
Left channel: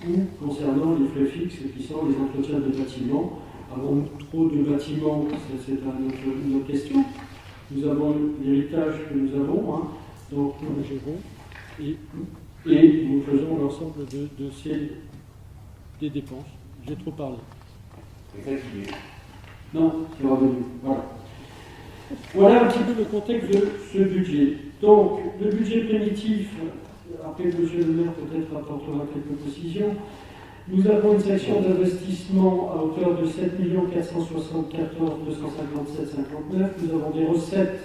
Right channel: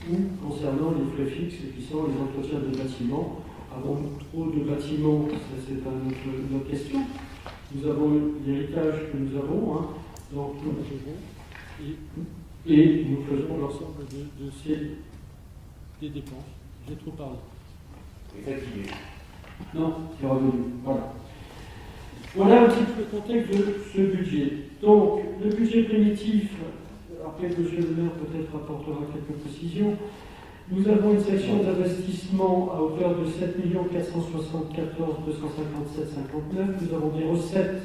ou concernant les frais fixes qui sont les entretiens de bâtiments. Avons-nous trop de bâtiments? C'est une autre question. Nous avons l'héritage que nous avons, hein. Donc, et nous faisons l'ensemble des dépenses. J'ai trop parlé. C'est fatigué. Non, c'est revenu. Voilà. Voilà un petit peu le contexte de ce budget. Donc, le budget primitif, après que M. le maire peut-être apportera quelques précisions, nous avons une section d'investissement à hauteur de 7 474 257 59. Nous avons des recettes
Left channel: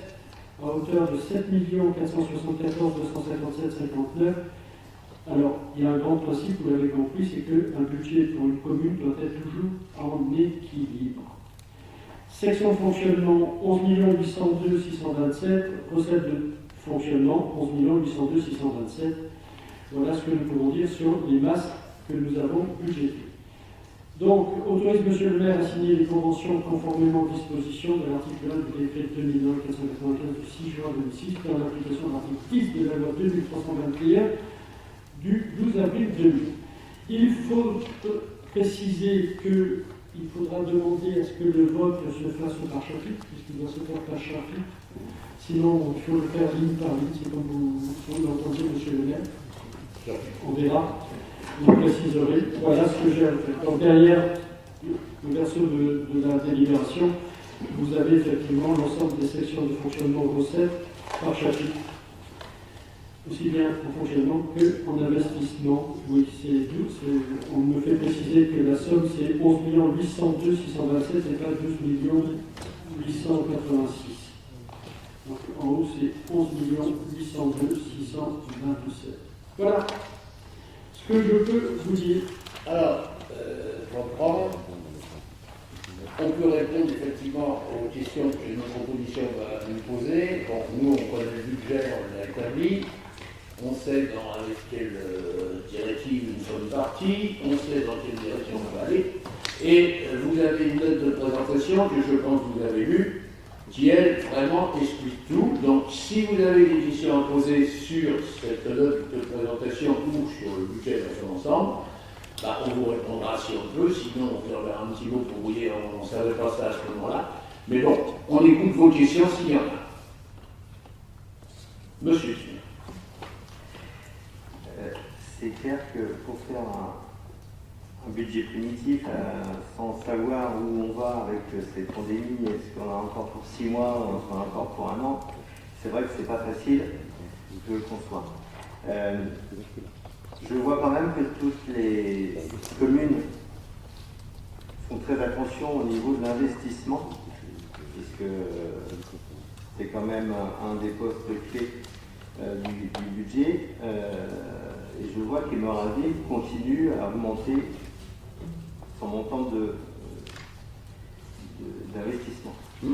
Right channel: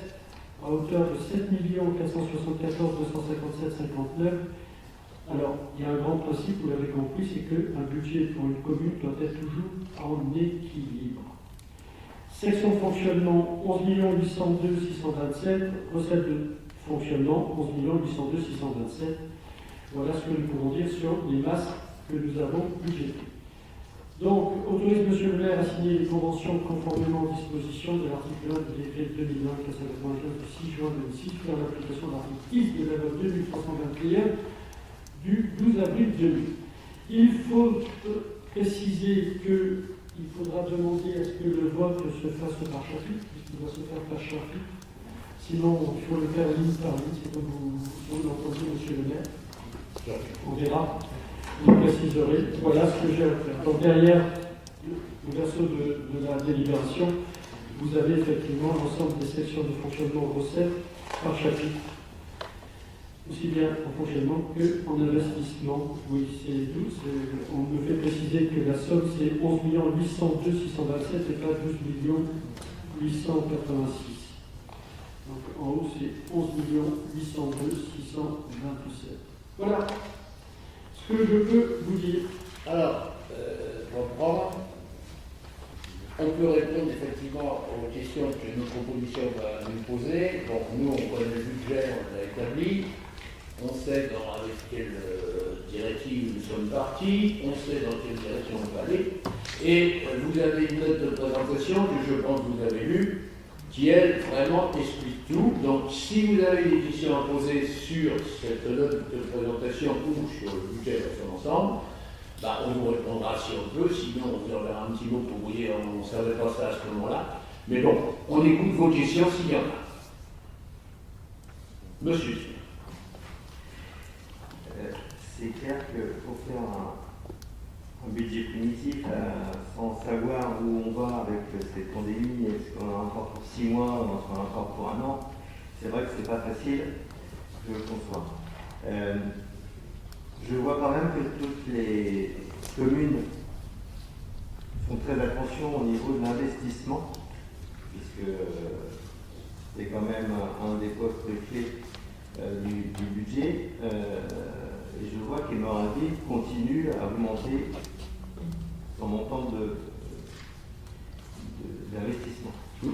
à hauteur de 7 474 257 59. Alors, il y a un grand principe, vous l'avez compris, c'est qu'un budget pour une commune doit être toujours en équilibre. Section de fonctionnement 11 802 627, recettes de fonctionnement 11 802 627. Voilà ce que nous pouvons dire sur les masses que nous avons budgétées. Donc, autorise M. le maire à signer les conventions conformément aux dispositions de l'article 1 du décret 2001-495 du 6 juin 2006 pour l'application de l'article 10 de la loi 2321 du 12 avril 2000. Il faut préciser qu'il faudra demander à ce que le vote se fasse par chapitre, puisqu'il doit se faire par chapitre. Sinon, il faut le faire ligne par ligne, c'est comme vous l'entendez, monsieur le maire. On verra, je préciserai. Voilà ce que j'ai à faire. Donc derrière le verso de la délibération, vous avez effectivement l'ensemble des sections de fonctionnement aux recettes par chapitre. Aussi bien en fonctionnement qu'en investissement. Oui, on me fait préciser que la somme c'est 11 802 627 et pas 12 886. Donc en haut c'est 11 802 627. Voilà ce que je peux vous dire. Alors, pour reprendre, on peut répondre effectivement aux questions que notre proposition va nous poser. Bon, nous, on connaît le budget, on l'a établi, on sait avec quelle directive nous sommes partis, on sait dans quelle direction on va aller, et vous avez une note de présentation que je pense que vous avez lue, qui, elle, vraiment explique tout. Donc, si vous avez des questions à poser sur cette note de présentation ou sur le budget dans son ensemble, on vous répondra si on peut, sinon on vous enverra un petit mot pour vous dire on ne savait pas ça à ce moment-là. Mais bon, on écoute vos questions s'il y en a. Monsieur. C'est clair qu'il faut faire un budget primitif sans savoir où on va avec cette pandémie. Est-ce qu'on a encore pour 6 mois ou est-ce qu'on a encore pour 1 an? C'est vrai que c'est pas facile, je le conçois. Je vois quand même que toutes les communes font très attention au niveau de l'investissement, puisque c'est quand même un des postes clés du budget. Et je vois qu'Hémorrhagie continue à augmenter son montant d'investissement. Je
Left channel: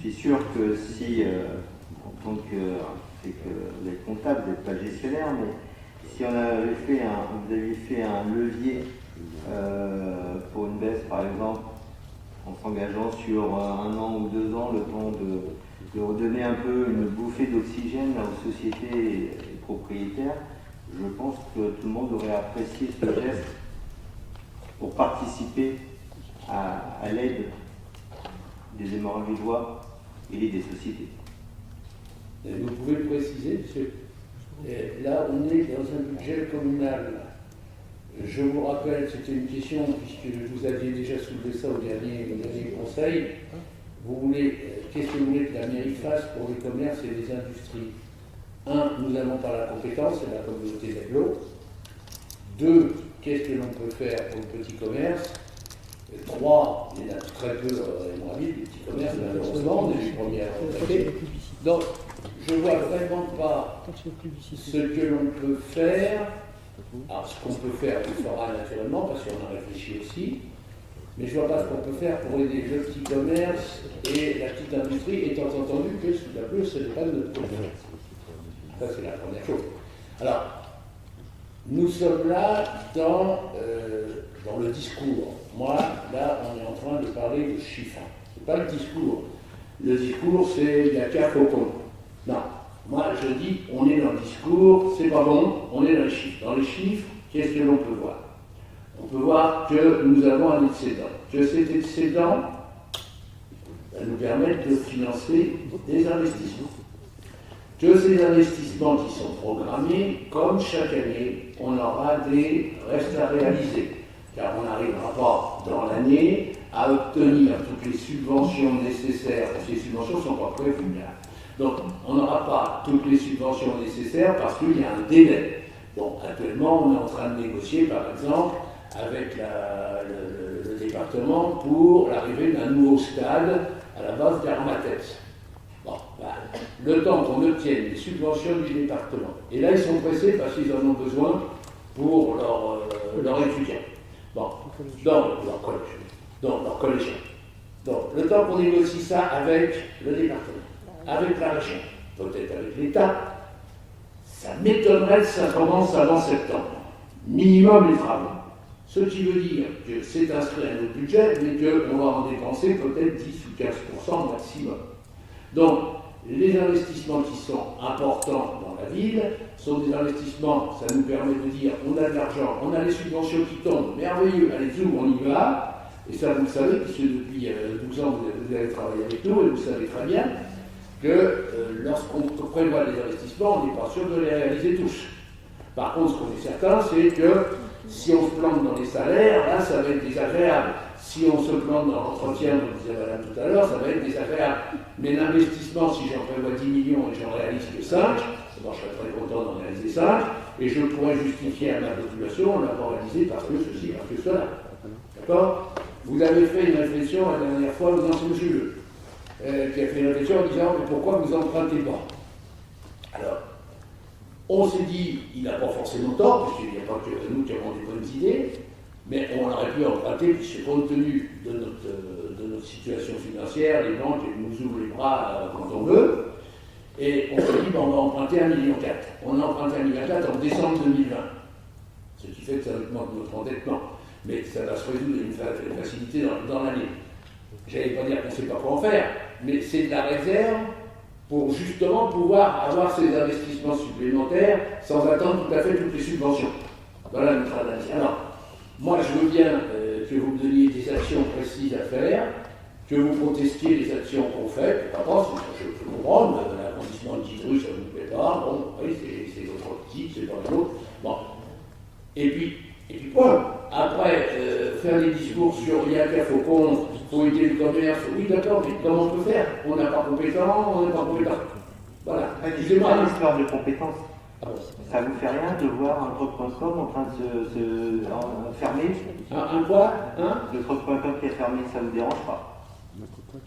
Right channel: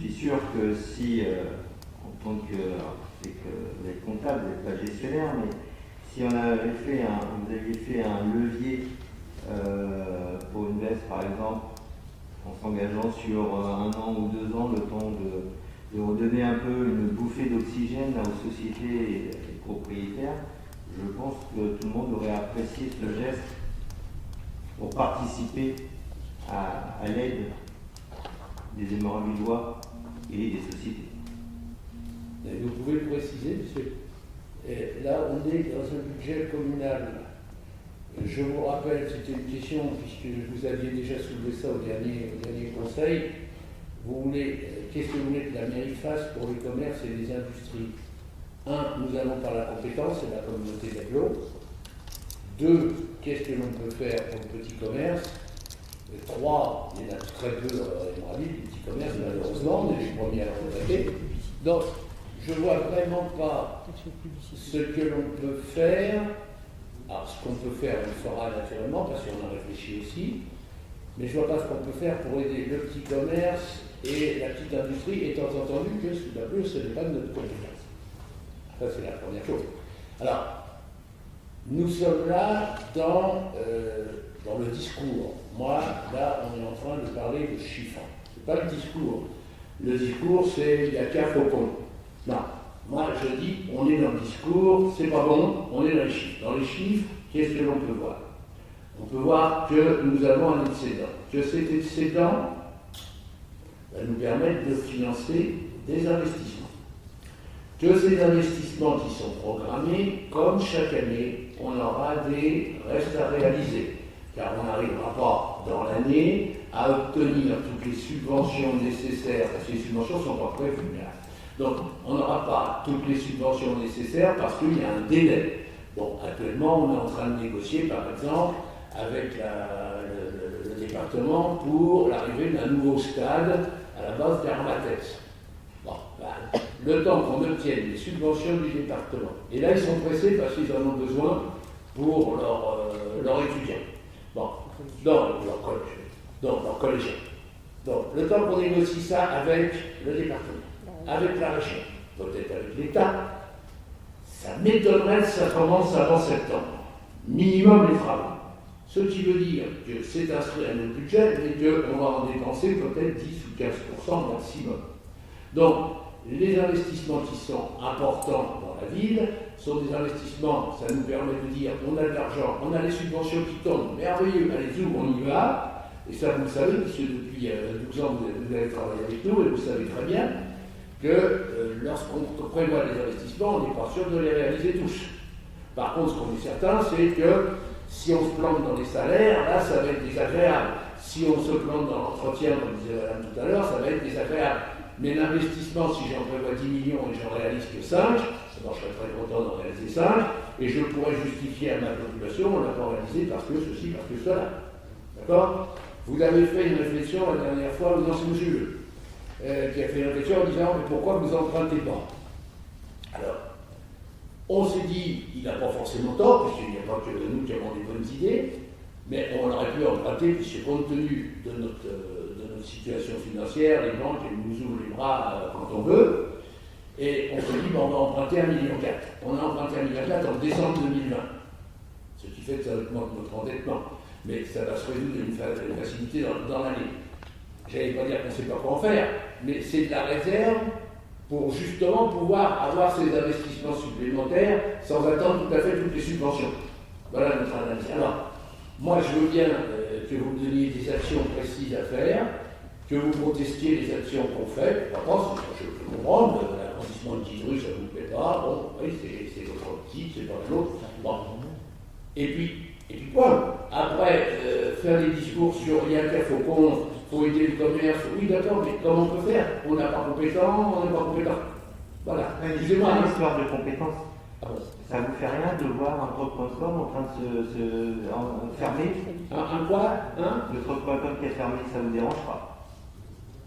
suis sûr que si, en tant que vous êtes comptable, vous n'êtes pas gestionnaire, mais si on avait vous aviez fait un levier pour une baisse, par exemple, en s'engageant sur 1 an ou 2 ans, le temps de redonner un peu une bouffée d'oxygène aux sociétés et propriétaires, je pense que tout le monde aurait apprécié ce geste pour participer à l'aide des Hémorragidois et des sociétés. Vous pouvez le préciser, monsieur. Là, on est dans un budget communal. Je vous rappelle, c'était une question, puisque vous aviez déjà soulevé ça au dernier conseil. Qu'est-ce que vous voulez que la mairie fasse pour les commerces et les industries? 1, nous n'avons pas la compétence, c'est la communauté d'agglo. 2, qu'est-ce que l'on peut faire pour le petit commerce? 3, il y en a très peu dans la ville, les petits commerces, malheureusement, on est les premiers à contacter. Donc, je ne vois vraiment pas ce que l'on peut faire. Alors, ce qu'on peut faire, on le fera naturellement, parce qu'on a réfléchi aussi. Mais je ne vois pas ce qu'on peut faire pour aider le petit commerce et la petite industrie, étant entendu que sous la pluie, ce n'est pas de notre compétence. Ça, c'est la première chose. Alors, nous sommes là dans le discours. Moi, là, on est en train de parler de chiffres. Ce n'est pas le discours. Le discours, c'est il y a qu'à faucon. Non. Moi, je dis, on est dans le discours, c'est pas bon, on est dans les chiffres. Dans les chiffres, qu'est-ce que l'on peut voir? On peut voir que nous avons un excédent. Que cet excédent va nous permettre de financer des investissements. Que ces investissements qui sont programmés, comme chaque année, on aura des restes à réaliser. Car on n'arrivera pas dans l'année à obtenir toutes les subventions nécessaires, parce que les subventions ne sont pas prévues là. Donc, on n'aura pas toutes les subventions nécessaires parce qu'il y a un délai. Bon, actuellement, on est en train de négocier, par exemple, avec le département pour l'arrivée d'un nouveau stade à la base d'Armatex. Bon, le temps qu'on obtienne les subventions du département. Et là, ils sont pressés parce qu'ils en ont besoin pour leurs étudiants. Bon, dans leur collège. Donc, leurs collégiens. Donc, le temps qu'on négocie ça avec le département, avec la région, peut-être avec l'État, ça m'étonnerait que ça commence avant septembre. Minimum les travaux. Ce qui veut dire que c'est inscrit à notre budget, mais qu'on va en dépenser peut-être 10 ou 15% maximum. Donc, les investissements qui sont importants dans la ville sont des investissements, ça nous permet de dire on a de l'argent, on a les subventions qui tombent, merveilleux, allez-y, on y va. Et ça, vous le savez, puisque depuis 12 ans, vous avez travaillé avec nous, et vous savez très bien que lorsqu'on prévoit des investissements, on n'est pas sûr de les réaliser tous. Par contre, ce qu'on est certain, c'est que si on se plante dans les salaires, là, ça va être désagréable. Si on se plante dans l'entretien, comme disait Madame tout à l'heure, ça va être désagréable. Mais l'investissement, si j'en prévois 10 millions et j'en réalise que 5, d'abord je serais très content d'en réaliser 5, et je pourrais justifier à ma population, on l'a pas réalisé parce que ceci, parce que cela. D'accord? Vous avez fait une réflexion la dernière fois, vous en c'est M. Leu, qui a fait une réflexion en disant mais pourquoi vous empruntez pas? Alors, on s'est dit, il n'a pas forcément tort, puisqu'il n'y a pas que nous qui avons des bonnes idées, mais on aurait pu emprunter, puisque compte tenu de notre situation financière, les banques nous ouvrent les bras quand on veut, et on s'est dit, on va emprunter 1,4 million. On a emprunté 1,4 million en décembre 2020, ce qui fait que ça augmente notre endettement, mais ça va se résoudre d'une facilité dans l'année. J'allais pas dire qu'on ne sait pas quoi en faire, mais c'est de la réserve pour justement pouvoir avoir ces investissements supplémentaires sans attendre tout à fait toutes les subventions. Voilà notre analyse. Alors, moi je veux bien que vous me donniez des actions précises à faire, que vous protestiez les actions qu'on fait, par contre, je peux comprendre, l'arrondissement de Guidru, ça ne vous plaît pas, bon, oui, c'est votre optique, c'est pas la nôtre. Bon. Et puis point. Après, faire des discours sur il y a qu'à Faucon, il faut aider le commerce, oui d'accord, mais comment on peut faire? On n'a pas compétent, on n'est pas compétent. Voilà. Excusez-moi, l'histoire de compétences. Ah bon. Ça vous fait rien de voir un troc.com en train de se fermer? Un quoi? Le troc.com qui est fermé, ça ne vous dérange pas?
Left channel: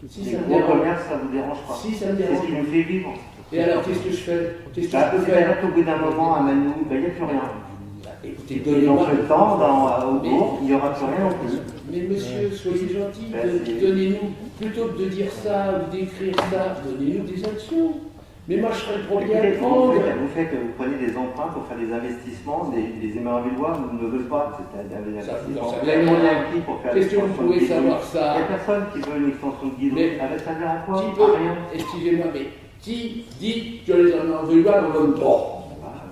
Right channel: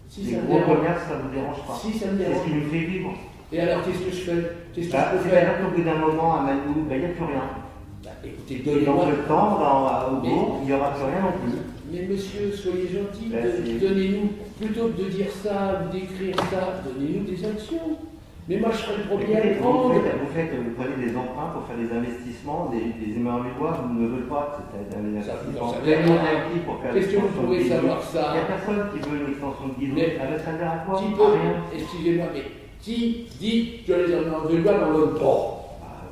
Si Les ça me gros dérange. commerces, ça ne vous dérange pas? Si ça me C'est dérange. ce qui nous fait vivre. Et alors, qu'est-ce que je fais? Qu'est-ce que je peux faire? C'est-à-dire qu'au bout d'un moment, à Manou, il n'y a plus rien. Écoutez, Et dans donnez-moi. ce temps, au bourg, il n'y aura plus rien non plus. Mais monsieur, soyez gentil, Merci. donnez-nous, plutôt que de dire ça ou d'écrire ça, donnez-nous des actions. Mais moi, je serais le premier à le prendre. Vous prenez des emprunts pour faire des investissements, les Émervillois ne veulent pas. C'est-à-dire des Ça, investissements ça, pleinement ça, acquis pour faire Qu'est-ce que vous l'extension de pouvez Guidou. savoir Il ça? n'y a personne qui veut une extension de Guidou. Mais Ça va servir à quoi? Qui À peut, rien. excusez-moi, mais qui dit que les Émervillois n'en veulent pas?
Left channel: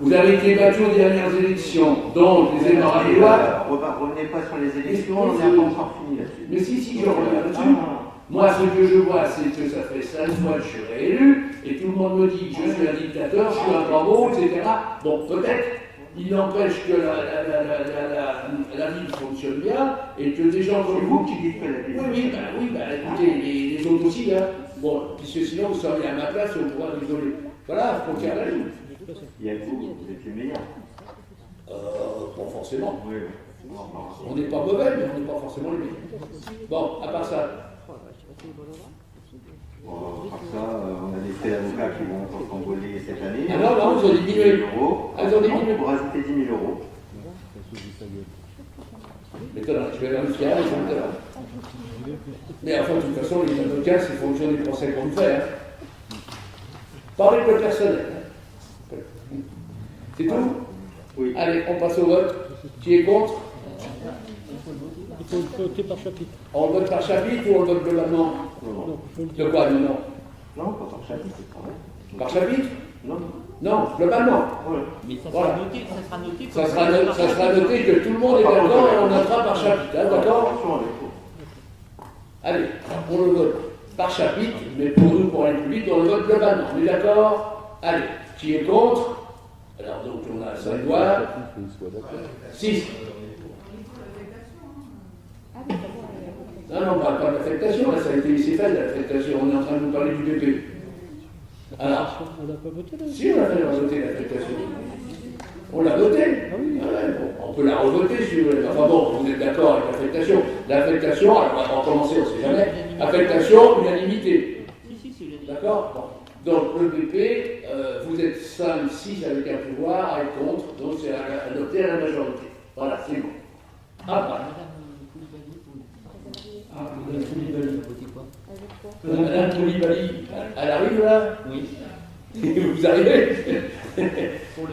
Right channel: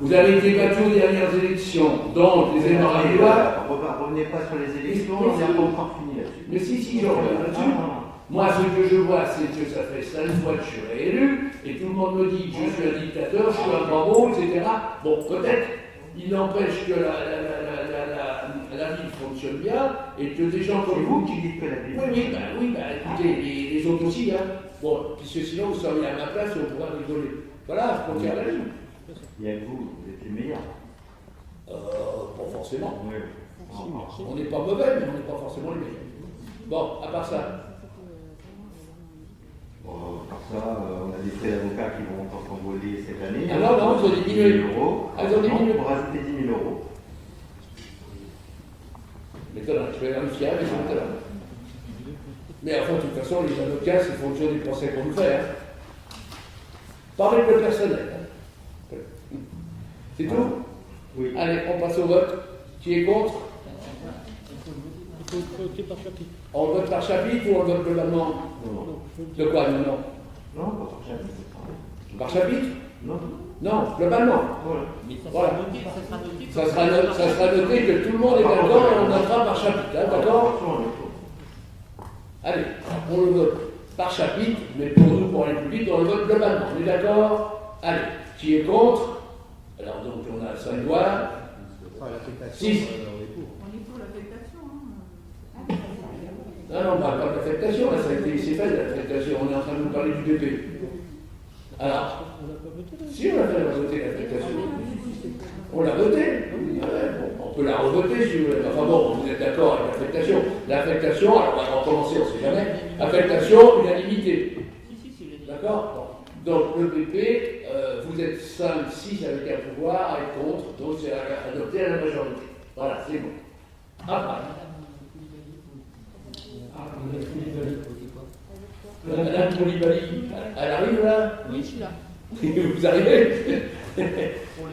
Vous avez été battu aux dernières élections, donc les Émervillois. Revenez pas sur les élections, Mais on n'a pas encore fini là-dessus. Mais si, je reviens là-dessus. Non. Moi, ce que je vois, c'est que ça fait 5 fois que je suis réélu, et tout le monde me dit que je suis un dictateur, je suis un bravo, etc. Bon, peut-être, il n'empêche que la ville fonctionne bien, et que des gens C'est comme vous vous... qui dites que la ville. Oui, écoutez, les autres aussi, hein. Bon, puisque sinon vous seriez à ma place et on pourrait rigoler. Voilà, faut faire la ligne. Il y a que vous êtes les meilleurs. Pas forcément. Oui. On n'est pas mauvais, mais on n'est pas forcément les meilleurs. Bon, à part ça. Bon, par ça, on a des frais d'avocats qui vont encore s'envoler cette année. Ah non, ils ont diminué. 10 000 euros. Ah, ils ont diminué. Pour rajouter 10 000 euros. Mais je vais vérifier les avocats là. Mais enfin, de toute façon, les avocats, c'est fonction des procès qu'on me fait. Hein. Pas avec le personnel. Hein. C'est tout? Oui. Allez, on passe au vote. Qui est contre? Il faut voter par chapitre. On vote par chapitre ou on vote globalement? Non, De quoi? Non. non, pas par chapitre. Par chapitre? Non. Non, globalement. Voilà. Mais ça Voilà. sera noté, ça sera noté. Ça sera noté que tout le monde est d'accord et on notera par chapitre. Hein, d'accord? Attention, Allez, on le vote par chapitre, mais pour nous, pour aller plus vite, on le vote globalement. On est d'accord? Allez, qui est contre? Alors donc on a 5 voix. 6. Non, on ne parle pas de l'affectation, là ça a été c'est fait l'affectation, on est en train de nous parler du BP. Alors, On n'a pas voté là. si on a fait voter l'affectation. On l'a voté. Ah ouais, bon, on peut la revoter si vous voulez. Enfin bon, vous êtes d'accord avec l'affectation. L'affectation, alors on va recommencer, on ne sait jamais. Affectation, unanimité. Si, le D'accord? Bon. Donc le BP, vous êtes 5, 6 avec un pouvoir, à être contre, donc c'est adopté à la majorité. Voilà, c'est bon. Après. Madame Koulibaly, elle arrive là? Oui. Vous arrivez?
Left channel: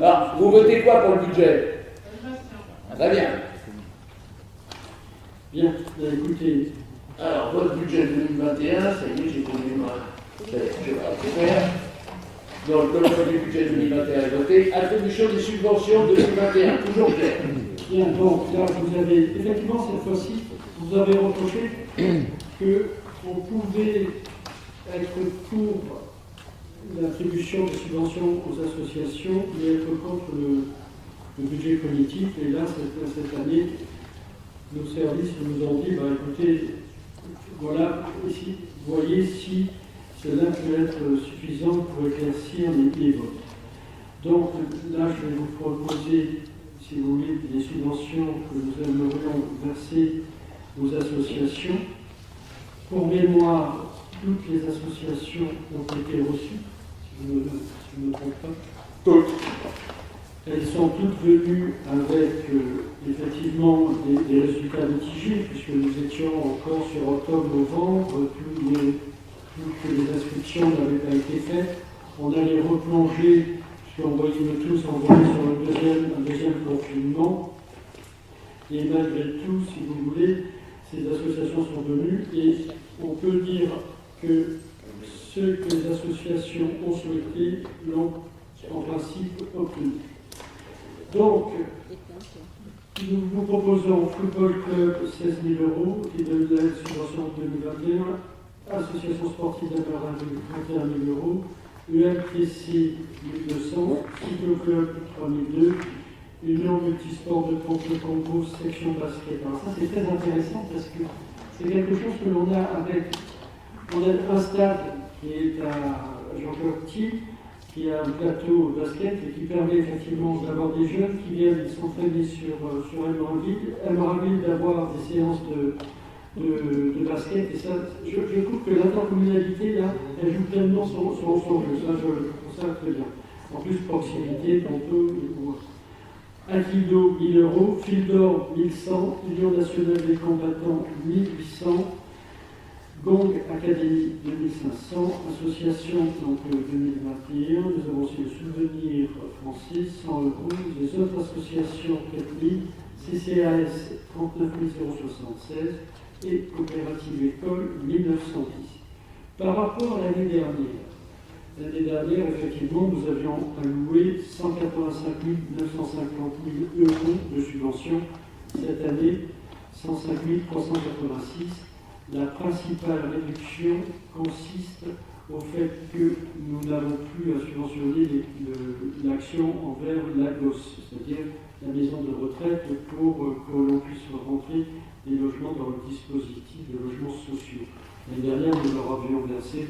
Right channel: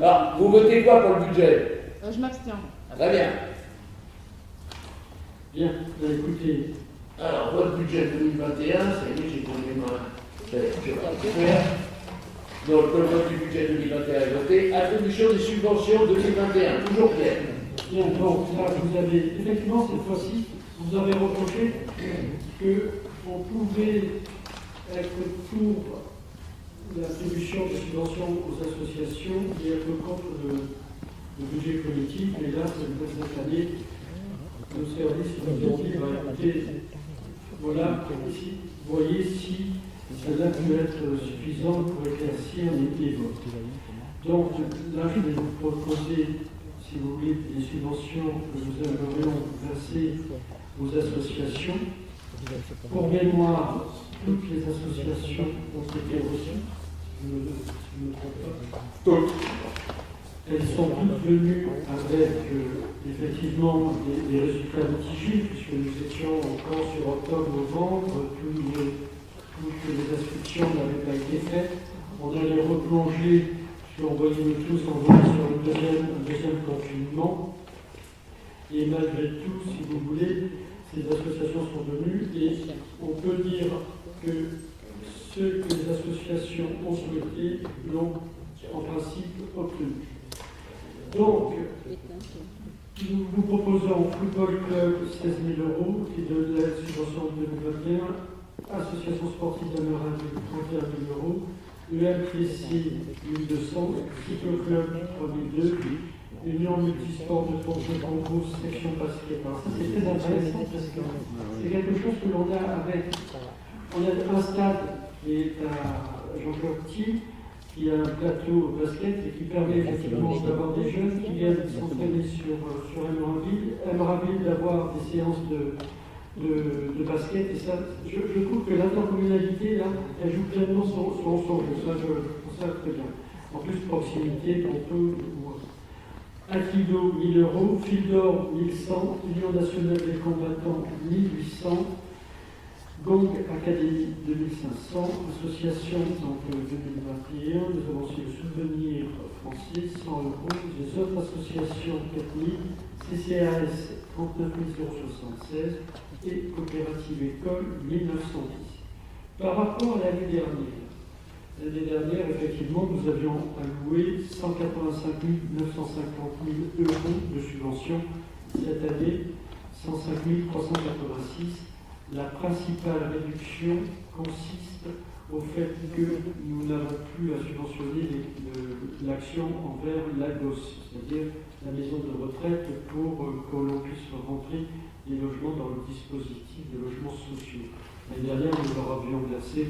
Ah, vous votez quoi pour le budget? Je m'abstiens. Très bien. Bien, écoutez, Alors, votre budget 2021, ça y est, j'ai tombé moi. Je vais faire. Donc, le code du budget 2021 est voté. Attribution des subventions 2021, toujours clair. Bien, donc là, vous avez, effectivement, cette fois-ci, vous avez reproché qu'on pouvait être pour l'attribution des subventions aux associations et être contre le budget politique. Et là, cette année, nos services nous ont dit, écoutez, voilà, ici, voyez si cela peut être suffisant pour éclaircir les votes. Donc là, je vais vous proposer, si vous voulez, des subventions que nous aimerions verser aux associations. Pour mémoire, toutes les associations ont été reçues, si je ne me trompe pas. Toutes. Elles sont toutes venues avec effectivement des résultats mitigés, puisque nous étions encore sur octobre-novembre, toutes les inscriptions n'avaient pas été faites. On allait replonger, puisqu'on voyait nous tous envoyer sur un deuxième confinement. Et malgré tout, si vous voulez, ces associations sont venues et on peut dire que ce que les associations ont souhaité l'ont en principe obtenu. Donc, nous vous proposons Football Club 16 000 € et de la subvention 2021, Association sportive d'Amaradio 31 000 €, UMTC 1 200, Cyclo Club 3 002, Union Multisport de Congo, section basket. Alors ça c'est très intéressant parce que c'est quelque chose que l'on a avec. On a un stade qui est à Jean-Claude, qui a un plateau basket et qui permet effectivement d'avoir des jeunes qui viennent s'entraîner sur Emeraville, d'avoir des séances de basket. Et ça, je trouve que l'intercommunalité, là, elle joue pleinement son jeu. Ça, je trouve ça très bien. En plus, proximité, Inquido 1 000 €, Fil d'Or 1 100, Union nationale des combattants 1 800, Gong Académie 2 500, Association donc, 2021, nous avons aussi le Souvenir français 100 €, les autres associations 4 000, CCAS 39 076 et Coopérative École 1910. Par rapport à l'année dernière, effectivement, nous avions alloué 185 950 000 € de subventions. Cette année, 105 386. La principale réduction consiste au fait que nous n'avons plus à subventionner l'action envers l'AGOS, c'est-à-dire la maison de retraite, pour que l'on puisse rentrer des logements dans le dispositif de logements sociaux. L'année dernière, nous leur avions versé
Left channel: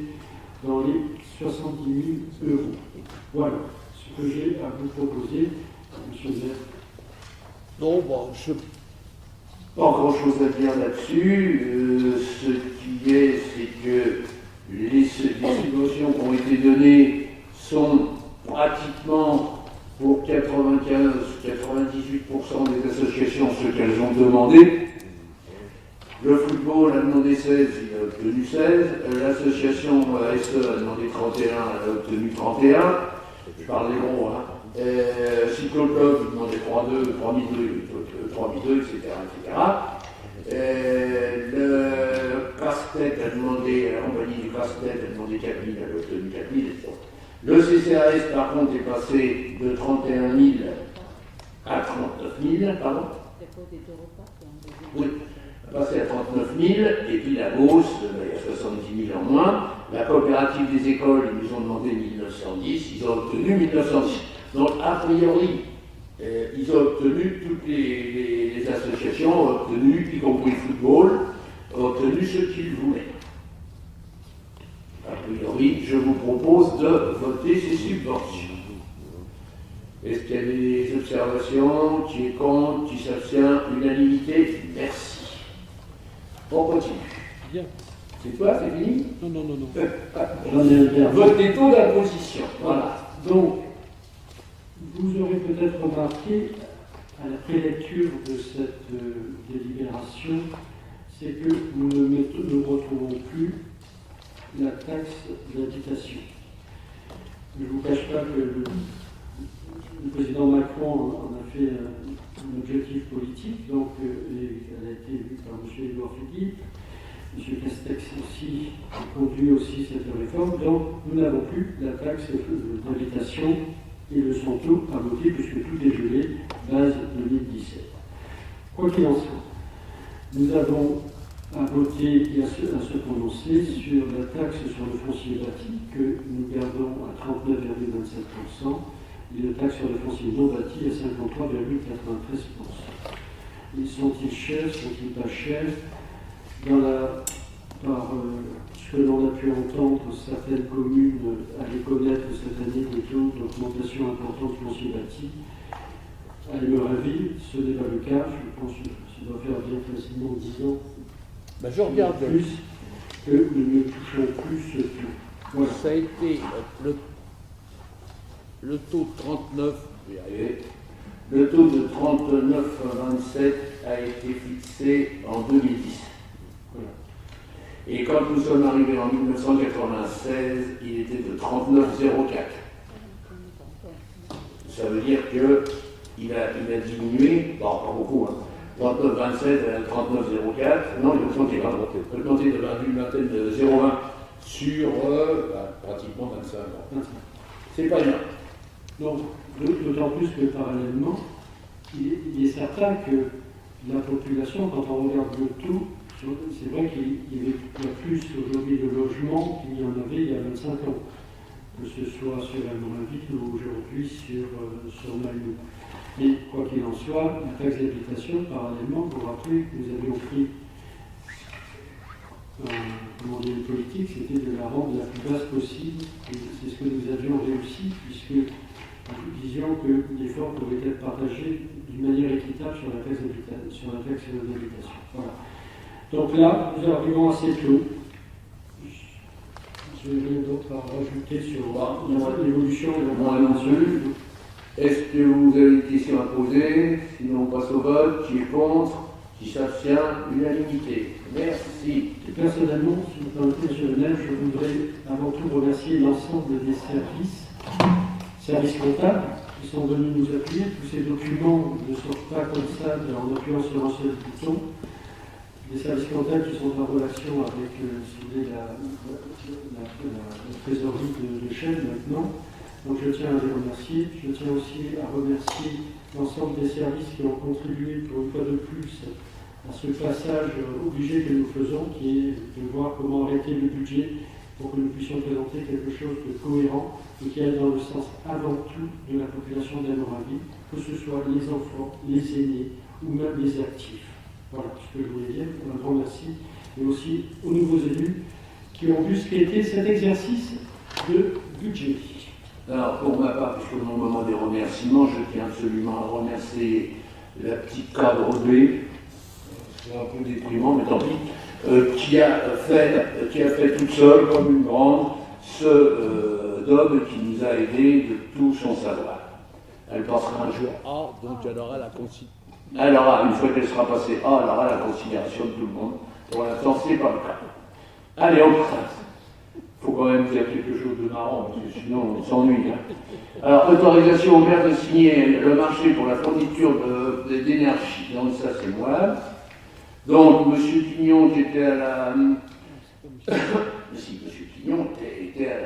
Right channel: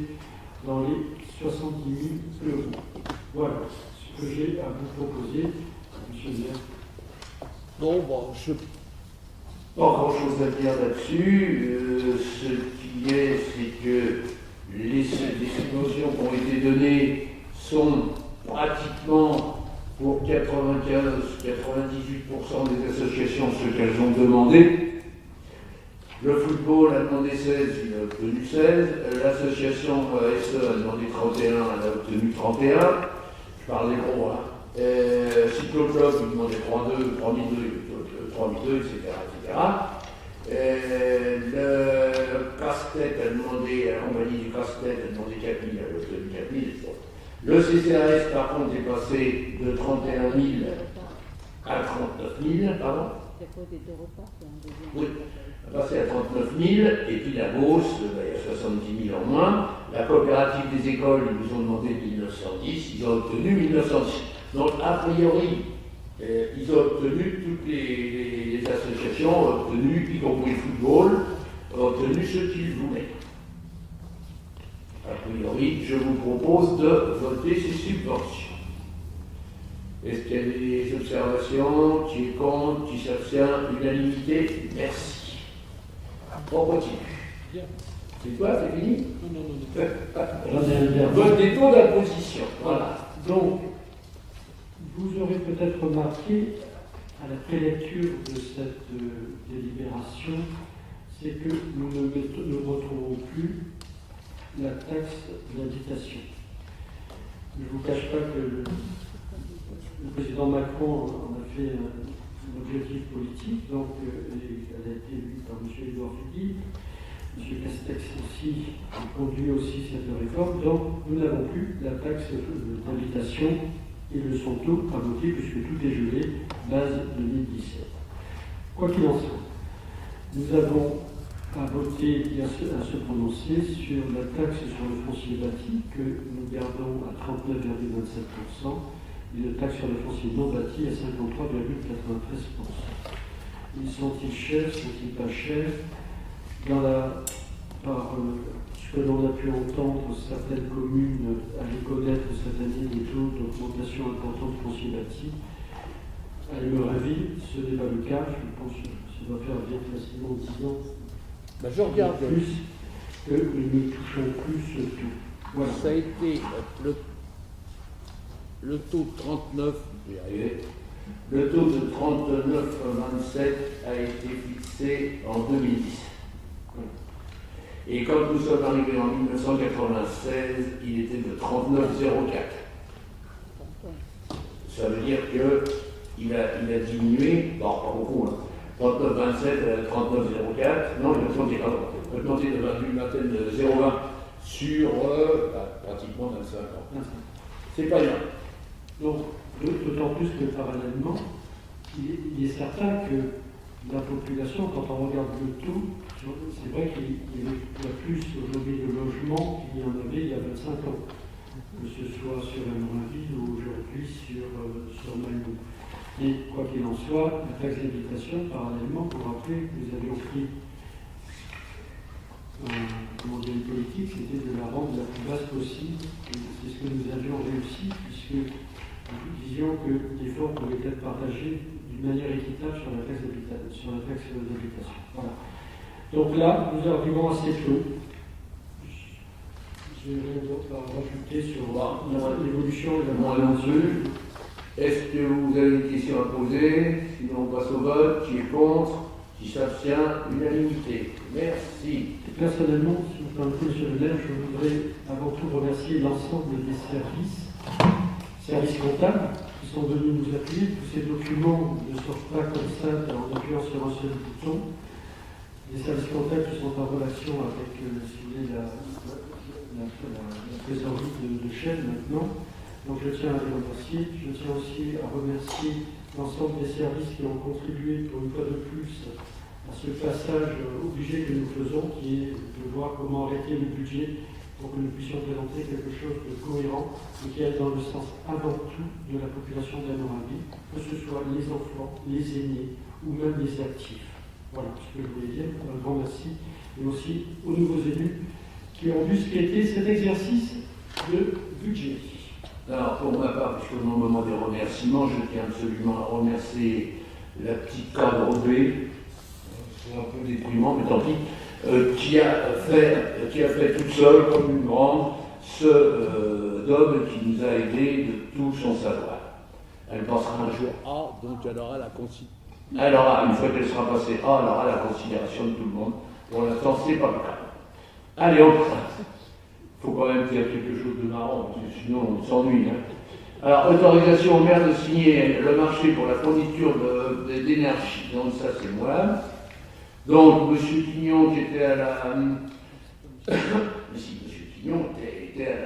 dans les 70 000 €. Voilà ce que j'ai à vous proposer, M. le maire. Non, bon, pas grand-chose à dire là-dessus. Ce qui est, c'est que les subventions qui ont été données sont pratiquement pour 95-98% des associations ce qu'elles ont demandé. Le football a demandé 16, il a obtenu 16. L'association ASE a demandé 31, elle a obtenu 31. Je parle des gros, hein. Cyclo Club, il demandait 3-2, 3-2, etc. Le casse-tête a demandé, la compagnie du casse-tête a demandé 4 000, elle a obtenu 4 000. Le CCAS, par contre, est passé de 31 000 à 39 000, pardon. Oui, passé à 39 000, et puis la Beauce, il y a 70 000 en moins. La coopérative des écoles, ils nous ont demandé 1910, ils ont obtenu 1910. Donc, a priori, ils ont obtenu, toutes les associations ont obtenu, y compris le football, ont obtenu ce qu'ils voulaient. A priori, je vous propose de voter ces subventions. Est-ce qu'il y a des observations? Qui est contre? Qui s'abstient? Unanimité? Merci. On continue. Bien. C'est quoi? C'est fini? Non. Vote des taux d'imposition. Voilà. Donc, vous aurez peut-être remarqué, à la prélecture de cette délibération, c'est que nous ne retrouvons plus la taxe d'habitation. Je ne vous cache pas que le président Macron en a fait un objectif politique, donc elle a été élue par M. Édouard Philippe. M. Castex aussi conduit aussi cette réforme, donc nous n'avons plus la taxe d'habitation et le son taux à voter puisque tout est gelé, base 2017. Quoi qu'il en soit, nous avons à voter et à se prononcer sur la taxe sur le foncier bâti que nous gardons à 39,27% et la taxe sur le foncier non bâti à 53,93%. Ils sont-ils chers, sont-ils pas chers? Par ce que l'on a pu entendre, certaines communes allaient connaître cette année des taux d'augmentation importante du foncier bâti. À leur avis, ce n'est pas le cas. Je pense que ça doit faire bien facilement 10 ans. Ben, je regarde. Plus que nous ne touchons plus ce taux. Voilà. Ça a été le taux de 39, je vais y arriver. Le taux de 39,27 a été fixé en 2010. Et quand nous sommes arrivés en 1996, il était de 39,04. Ça veut dire qu'il a diminué, bon, pas beaucoup, hein. 39,27 à 39,04. Non, il a augmenté de 0,20 sur pratiquement 25 ans. C'est pas bien. Donc, d'autant plus que parallèlement, il est certain que la population, quand on regarde le tout, c'est vrai qu'il y a plus aujourd'hui de logements qu'il y en avait il y a 25 ans, que ce soit sur Amoraville ou aujourd'hui sur Malmö. Mais quoi qu'il en soit, la taxe d'habitation, parallèlement, pour rappeler que nous avions pris une politique, c'était de la rendre la plus basse possible, et c'est ce que nous avions réussi, puisque nous disions que l'effort pouvait être partagé d'une manière équitable sur la taxe d'habitation. Voilà. Donc là, nous arrivons à ces taux. Je n'ai rien d'autre à rajouter sur l'évolution et la là-dessus. Est-ce que vous avez une question à poser? Sinon, on passe au vote. Qui est contre? Qui s'abstient? Unanimité. Merci. Et personnellement, sur le plan professionnel, je voudrais avant tout remercier l'ensemble des services comptables qui sont venus nous appuyer. Tous ces documents ne sortent pas comme ça en appuyant sur un seul bouton. Les services comptables qui sont en relation avec la trésorerie de chaîne maintenant. Donc je tiens à les remercier. Je tiens aussi à remercier l'ensemble des services qui ont contribué pour une fois de plus à ce passage obligé que nous faisons, qui est de voir comment arrêter le budget pour que nous puissions présenter quelque chose de cohérent et qui aille dans le sens avant tout de la population d'Amoraville, que ce soit les enfants, les aînés ou même les actifs. Voilà ce que je voulais dire. Un grand merci. Et aussi aux nouveaux élus qui ont dû skater cet exercice de budget. Alors, pour ma part, puisque au moment des remerciements, je tiens absolument à remercier la petite cadre B, c'est un peu déprimant, mais tant pis, qui a fait toute seule, comme une grande, ce DOB qui nous a aidés de tout son savoir. Elle passera un jour A, donc elle aura la considération. Une fois qu'elle sera passée A, elle aura la considération de tout le monde. Pour l'instant, c'est pas le cas. Allez, on passe. Il faut quand même faire quelque chose de marrant, parce que sinon on s'ennuie. Hein. Alors, autorisation au maire de signer le marché pour la fourniture d'énergie. Donc ça, c'est moi. Donc, M. Quignon, qui était à la... si, M. Quignon était à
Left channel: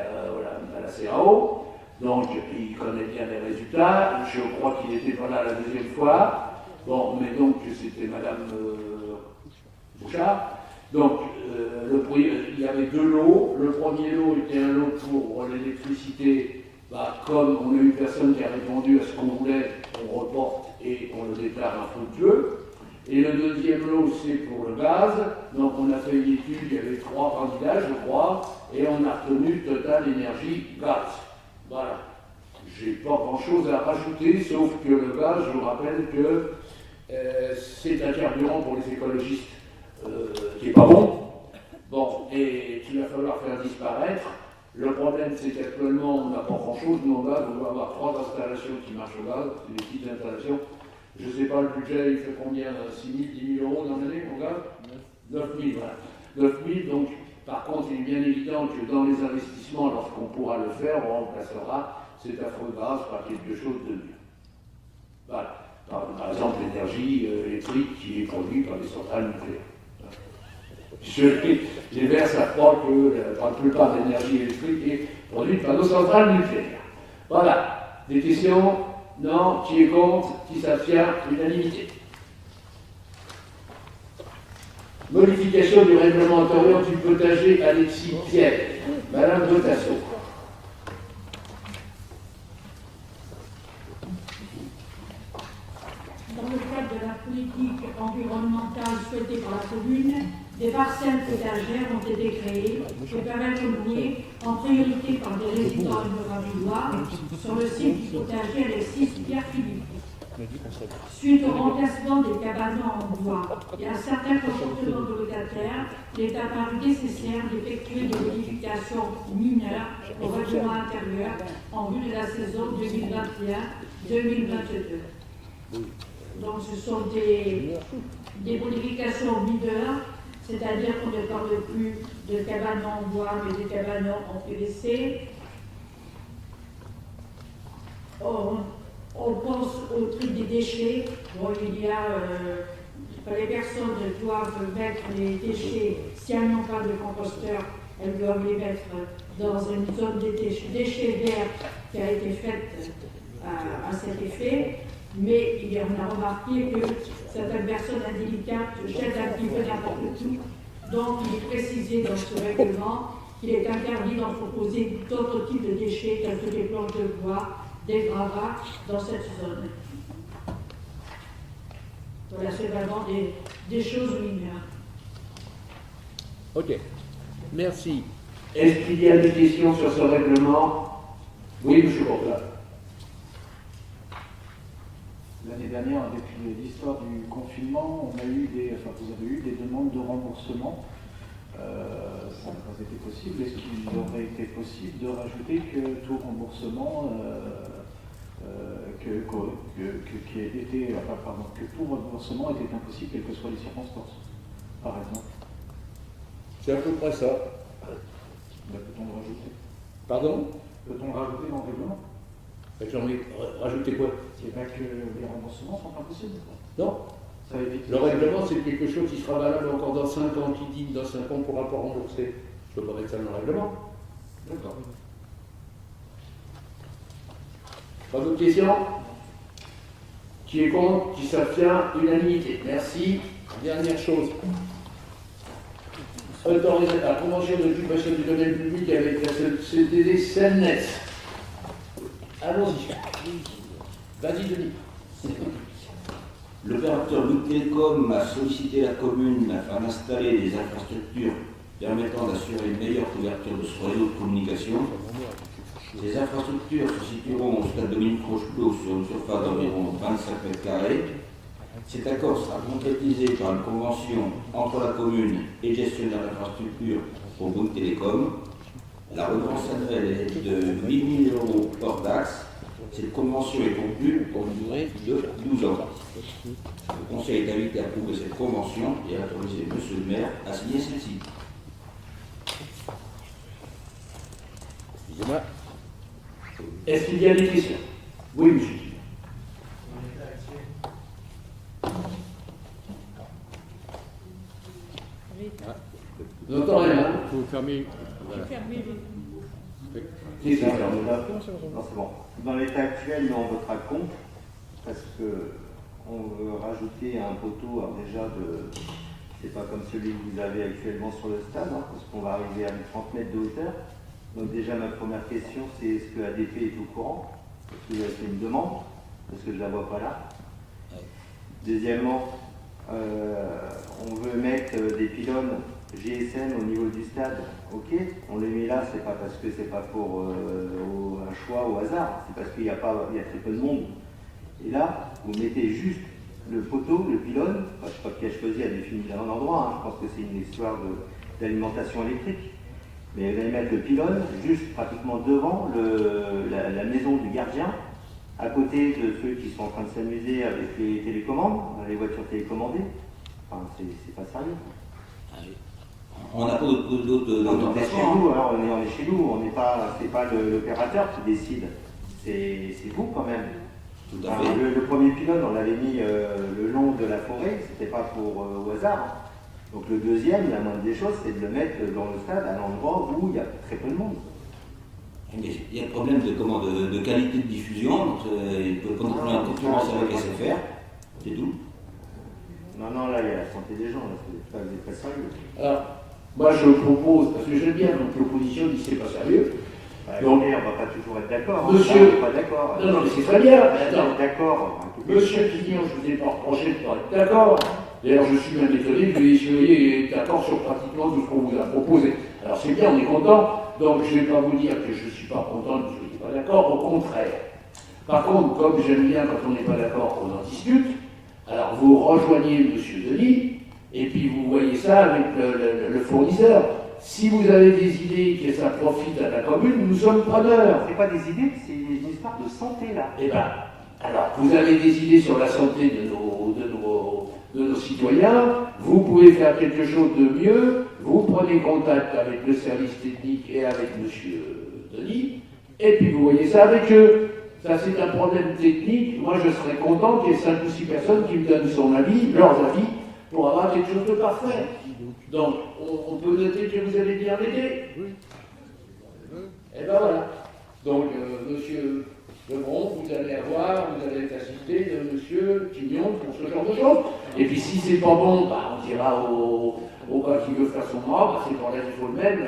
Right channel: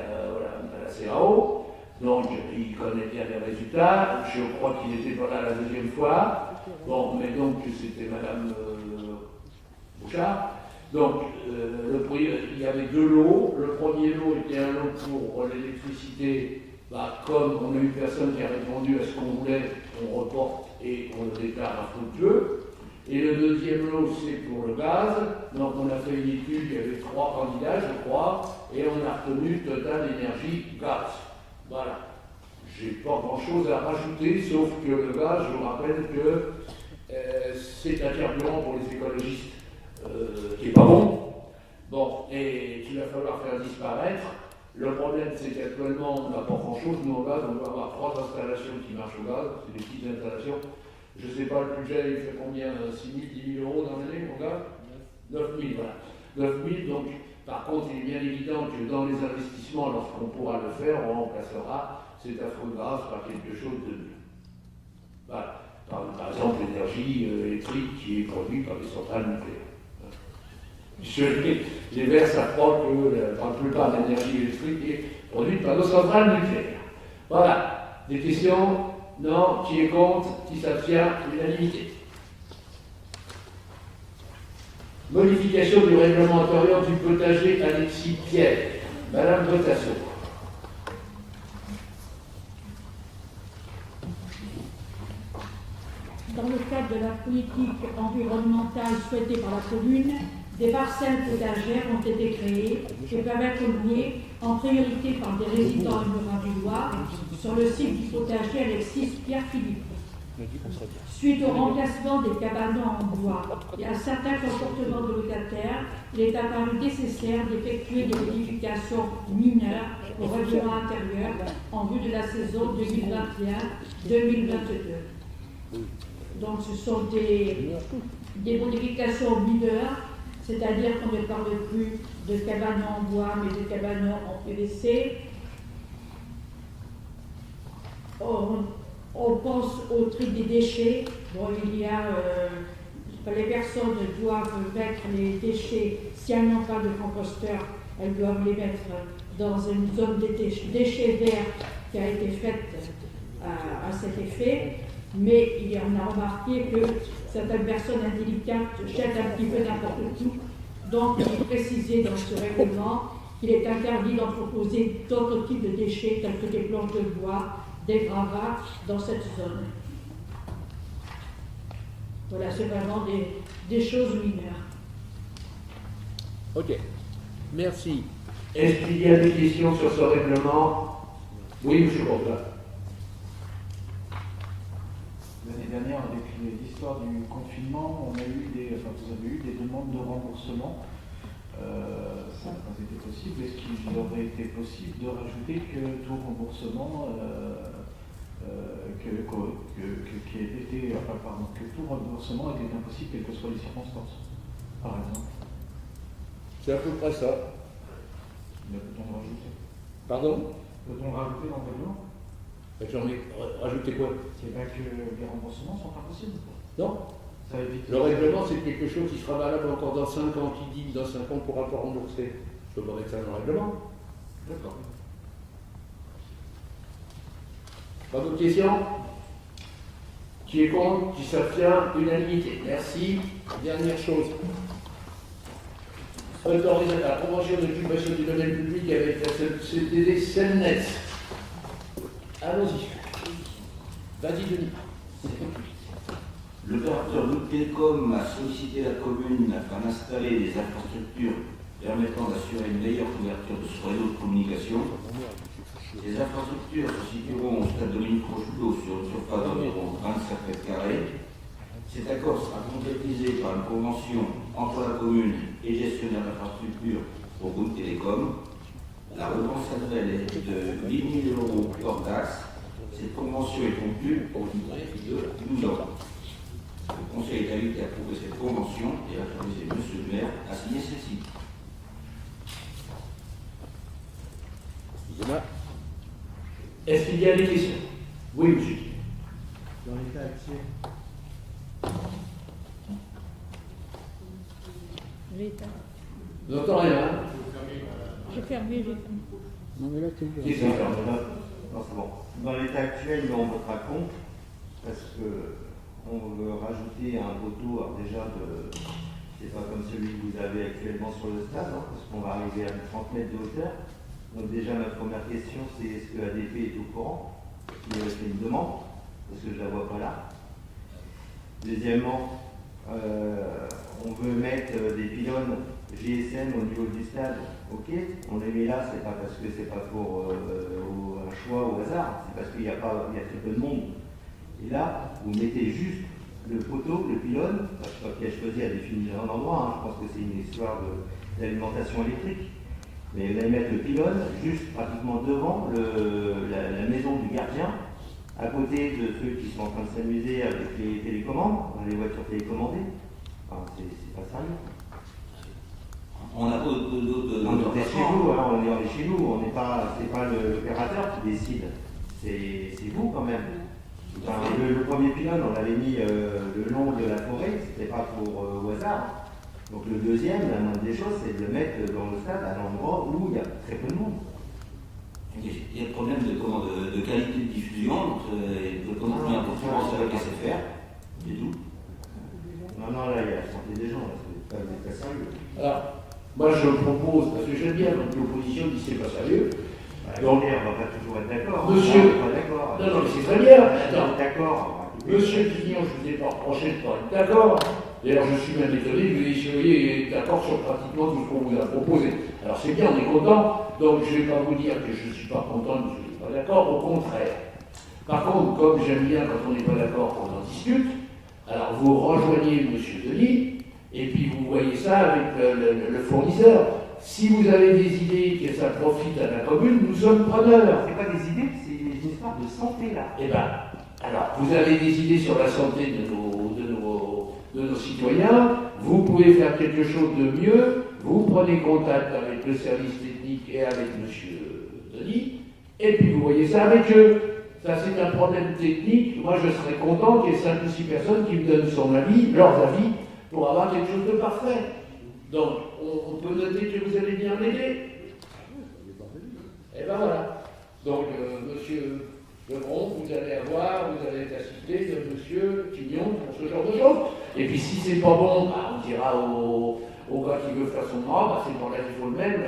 la CAO, donc il connaît bien les résultats. Je crois qu'il était pas là la deuxième fois. Bon, mais donc c'était Madame Bouchard. Donc, il y avait deux lots. Le premier lot était un lot pour l'électricité. Comme on a eu personne qui a répondu à ce qu'on voulait, on reporte et on le déclare infructueux. Et le deuxième lot, c'est pour le gaz. Donc, on a fait une étude, il y avait 3 candidats, je crois, et on a retenu Total Énergie Gaz. Voilà. J'ai pas grand-chose à rajouter, sauf que le gaz, je vous rappelle que c'est un carburant pour les écologistes qui n'est pas bon. Bon, et qu'il va falloir faire disparaître. Le problème, c'est qu'actuellement, on n'a pas grand-chose. Nous, au gaz, on doit avoir 3 installations qui marchent au gaz. C'est des petites installations. Je ne sais pas, le budget, il fait combien? 6 000, 10 000 euros dans l'année, au gaz? 9 000, voilà. 9 000, donc, par contre, il est bien évident que dans les investissements, lorsqu'on pourra le faire, on remplacera cet affreux gaz par quelque chose de mieux. Voilà. Par exemple, l'énergie électrique qui est produite par les centrales nucléaires. Les Verts s'apprend que la plupart de l'énergie électrique est produite par nos centrales nucléaires. Voilà. Des questions? Non? Qui est contre? Qui s'abstient? Unanimité. Modification du règlement intérieur du potager Alexis Pierre. Madame Botasson. Dans le cadre de la politique environnementale souhaitée par la commune, des parcelles potagères ont été créées et peuvent être louées en priorité par des résidents muravillois sur le site du potager Alexis Pierre-Philippe. Suite au remplacement des cabanons en bois et à certains comportements de locataires, il est apparu nécessaire d'effectuer des modifications mineures au règlement intérieur en vue de la saison 2021-2022. Donc ce sont des modifications mineures, c'est-à-dire qu'on ne parle plus de cabanons en bois, mais de cabanons en PVC. On pense au tri des déchets. Bon, il y a, les personnes doivent mettre les déchets, si elles n'ont pas de composteur, elles doivent les mettre dans une zone de déchets verts qui a été faite à cet effet. Mais on a remarqué que certaines personnes indélicates jettent un petit peu n'importe où. Donc, il est précisé dans ce règlement qu'il est interdit d'en proposer d'autres types de déchets tels que des planches de bois, des gravats dans cette zone. Voilà, c'est vraiment des choses mineures. Ok, merci. Est-ce qu'il y a des questions sur ce règlement? Oui, M. Bourgoin. L'année dernière, avec l'histoire du confinement, vous avez eu des demandes de remboursement. Ça n'a pas été possible. Est-ce qu'il aurait été possible de rajouter que tout remboursement, que tout remboursement était impossible, quelles que soient les circonstances, par exemple? C'est à peu près ça. Peut-on le rajouter? Pardon? Peut-on le rajouter dans le règlement? J'ai envie de rajouter quoi? C'est vrai que les remboursements sont impossibles. Non. Ça évite. Le règlement, c'est quelque chose qui sera valable encore dans 5 ans. Qui dit dans 5 ans, on ne pourra pas rembourser. Je peux pas mettre ça dans le règlement. D'accord. Pas d'autres questions? Qui est contre? Qui s'abstient? Unanimité. Merci. Dernière chose. Autorisation la convention d'occupation du domaine public avec la CDD Selnes. Allons-y. Vas-y, Denis. L'opérateur Bouygues Télécom a sollicité la commune afin d'installer des infrastructures permettant d'assurer une meilleure couverture de son réseau de communication. Ces infrastructures se situeront au stade Dominique Rocheplot sur une surface d'environ 25 mètres carrés. Cet accord sera concrétisé par une convention entre la commune et le gestionnaire d'infrastructure pour Bouygues Télécom. La redevance annuelle est de 8 000 € hors taxe. Cette convention est conclue pour une durée de 12 ans. Le Conseil est invité à approuver cette convention et à autoriser M. le maire à signer celle-ci. Excusez-moi. Est-ce qu'il y a des questions? Oui, monsieur. Dans l'état actuel. Vous n'entendez rien? Vous fermez. J'ai fermé, C'est ça. Non, c'est bon. Dans l'état actuel, nous, on votera contre, parce que on veut rajouter un poteau, alors déjà, c'est pas comme celui que vous avez actuellement sur le stade, hein, parce qu'on va arriver à 30 mètres de hauteur. Donc déjà, ma première question, c'est est-ce que ADP est au courant? Il y a une demande, parce que je ne la vois pas là. Deuxièmement, on veut mettre des pylônes GSM au niveau du stade. Ok, on les met là, c'est pas parce que c'est pas pour un choix au hasard, c'est parce qu'il y a très peu de monde. Et là, vous mettez juste le poteau, le pylône, je ne sais pas qui a choisi à définir un endroit, hein, je pense que c'est une histoire d'alimentation électrique. Mais vous allez mettre le pylône juste pratiquement devant la maison du gardien, à côté de ceux qui sont en train de s'amuser avec les télécommandes, les voitures télécommandées. Enfin, c'est pas sérieux. On n'a pas d'autres On est chez nous, alors on est chez nous, c'est pas l'opérateur qui décide, c'est vous quand même. Tout à Enfin, fait. le premier pylône, on l'avait mis le long de la forêt, c'était pas pour au hasard. Donc le deuxième, la moindre des choses, c'est de le mettre dans le stade à l'endroit où il y a très peu de monde. Il y a le problème de qualité de diffusion, donc il peut continuer en concurrence avec SFR, c'est tout. Non, là, il y a la santé des gens, là, c'est pas sérieux. Alors, moi je propose, parce que j'aime bien, donc l'opposition dit c'est pas sérieux. Donc, on va pas toujours être d'accord. Monsieur, pas d'accord. non, mais c'est très bien. Attends, d'accord. Monsieur Pignon, je vous ai pas reproché de pas être d'accord. D'ailleurs, je suis même étonné que vous soyez d'accord sur pratiquement tout ce qu'on vous a proposé. Alors c'est bien, on est content, donc je ne vais pas vous dire que je ne suis pas content, que je ne suis pas d'accord, au contraire. Par contre, comme j'aime bien quand on n'est pas d'accord, on en discute, alors vous rejoignez M. Denis, et puis vous voyez ça avec le fournisseur. Si vous avez des idées que ça profite à la commune, nous sommes preneurs. Ce n'est pas des idées, c'est une histoire de santé là. Eh bien, alors, vous avez des idées sur la santé de nos citoyens, vous pouvez faire quelque chose de mieux, vous prenez contact avec le service technique et avec M. Denis, et puis vous voyez ça avec eux. Ça, c'est un problème technique. Moi, je serais content qu'il y ait 5 ou 6 personnes qui me donnent leurs avis, pour avoir quelque chose de parfait. Donc, on peut noter que vous allez bien m'aider. Et ben voilà. Donc, monsieur Lebron, vous allez être assisté de monsieur Pignon pour ce genre de choses. Et puis, si c'est pas bon, bah, on dira au gars qui veut faire son bras, bah, c'est pour là qu'il faut le mettre,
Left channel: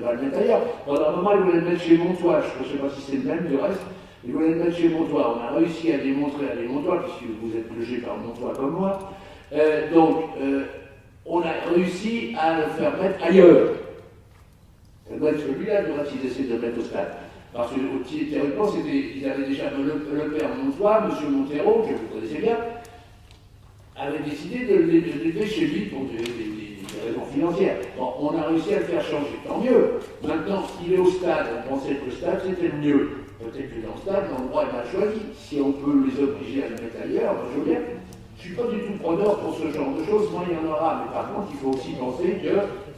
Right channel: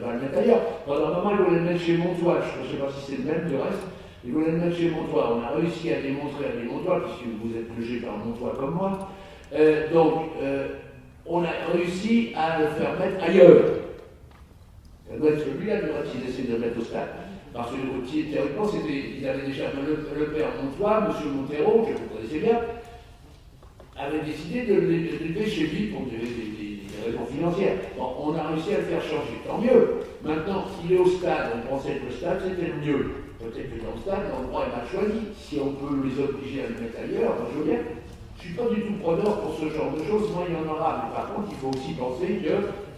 va le mettre ailleurs. Pendant un moment, il voulait le mettre chez Montois. Je ne sais pas si c'est le même, du reste. Il voulait le mettre chez Montois. On a réussi à démontrer à des Montois, puisque vous êtes logé par Montois comme moi. On a réussi à le faire mettre ailleurs. Ça doit être celui-là qu'il essaie de le mettre au stade. Parce que théoriquement, ils avaient déjà le père Montois, M. Montero, que vous connaissez bien, avait décidé de l'élever chez lui pour des raisons financières. Bon, on a réussi à le faire changer, tant mieux. Maintenant, s'il est au stade, on pensait que le stade c'était le mieux. Peut-être que dans le stade, l'endroit est mal choisi. Si on peut les obliger à le mettre ailleurs, je veux bien. Je ne suis pas du tout preneur pour ce genre de choses, moi il y en aura, mais par contre il faut aussi penser qu'il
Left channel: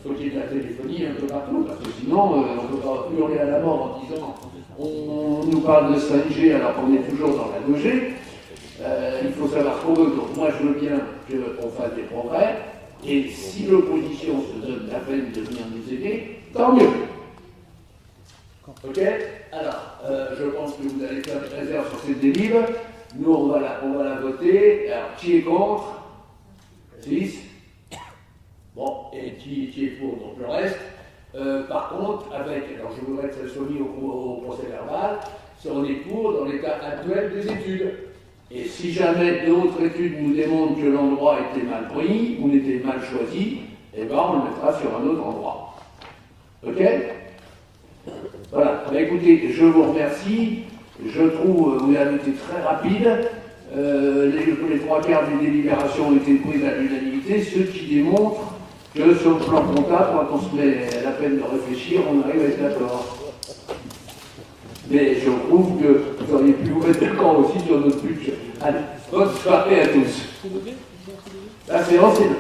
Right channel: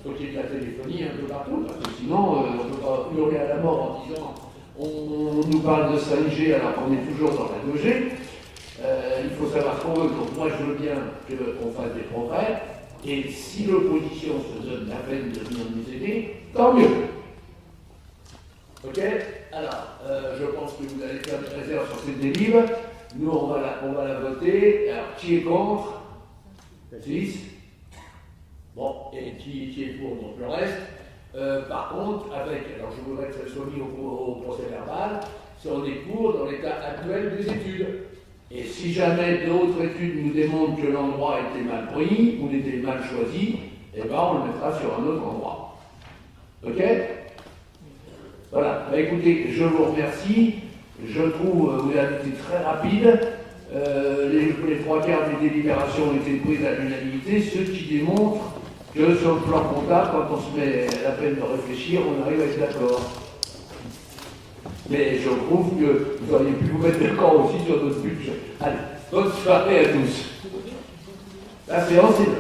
faut qu'il y ait de la téléphonie un peu partout, parce que sinon on ne peut pas hurler à la mort en disant on nous parle de 5G alors qu'on est toujours dans la 2G. Il faut savoir ce qu'on veut, donc moi je veux bien qu'on fasse des progrès, et si l'opposition se donne la peine de venir nous aider, tant mieux. Ok? Alors, je pense que vous allez faire des réserves sur cette délibération. Nous, on va la voter. Alors, qui est contre? 6. Bon, et qui est pour? Donc le reste. Par contre, alors je voudrais que ça soit mis au procès verbal, si on est pour dans l'état actuel des études. Et si jamais d'autres études nous démontrent que l'endroit était mal pris ou était mal choisi, eh ben on le mettra sur un autre endroit. Ok? Voilà. Écoutez, je vous remercie. Je trouve que vous avez été très rapide. Les 3/4 des délibérations ont été prises à l'unanimité, ce qui démontre que sur le plan comptable, quand on se met la peine de réfléchir, on arrive à être d'accord. Mais je trouve que vous auriez pu vous mettre d'accord aussi sur notre budget. Allez, bonne soirée à tous. La séance est là.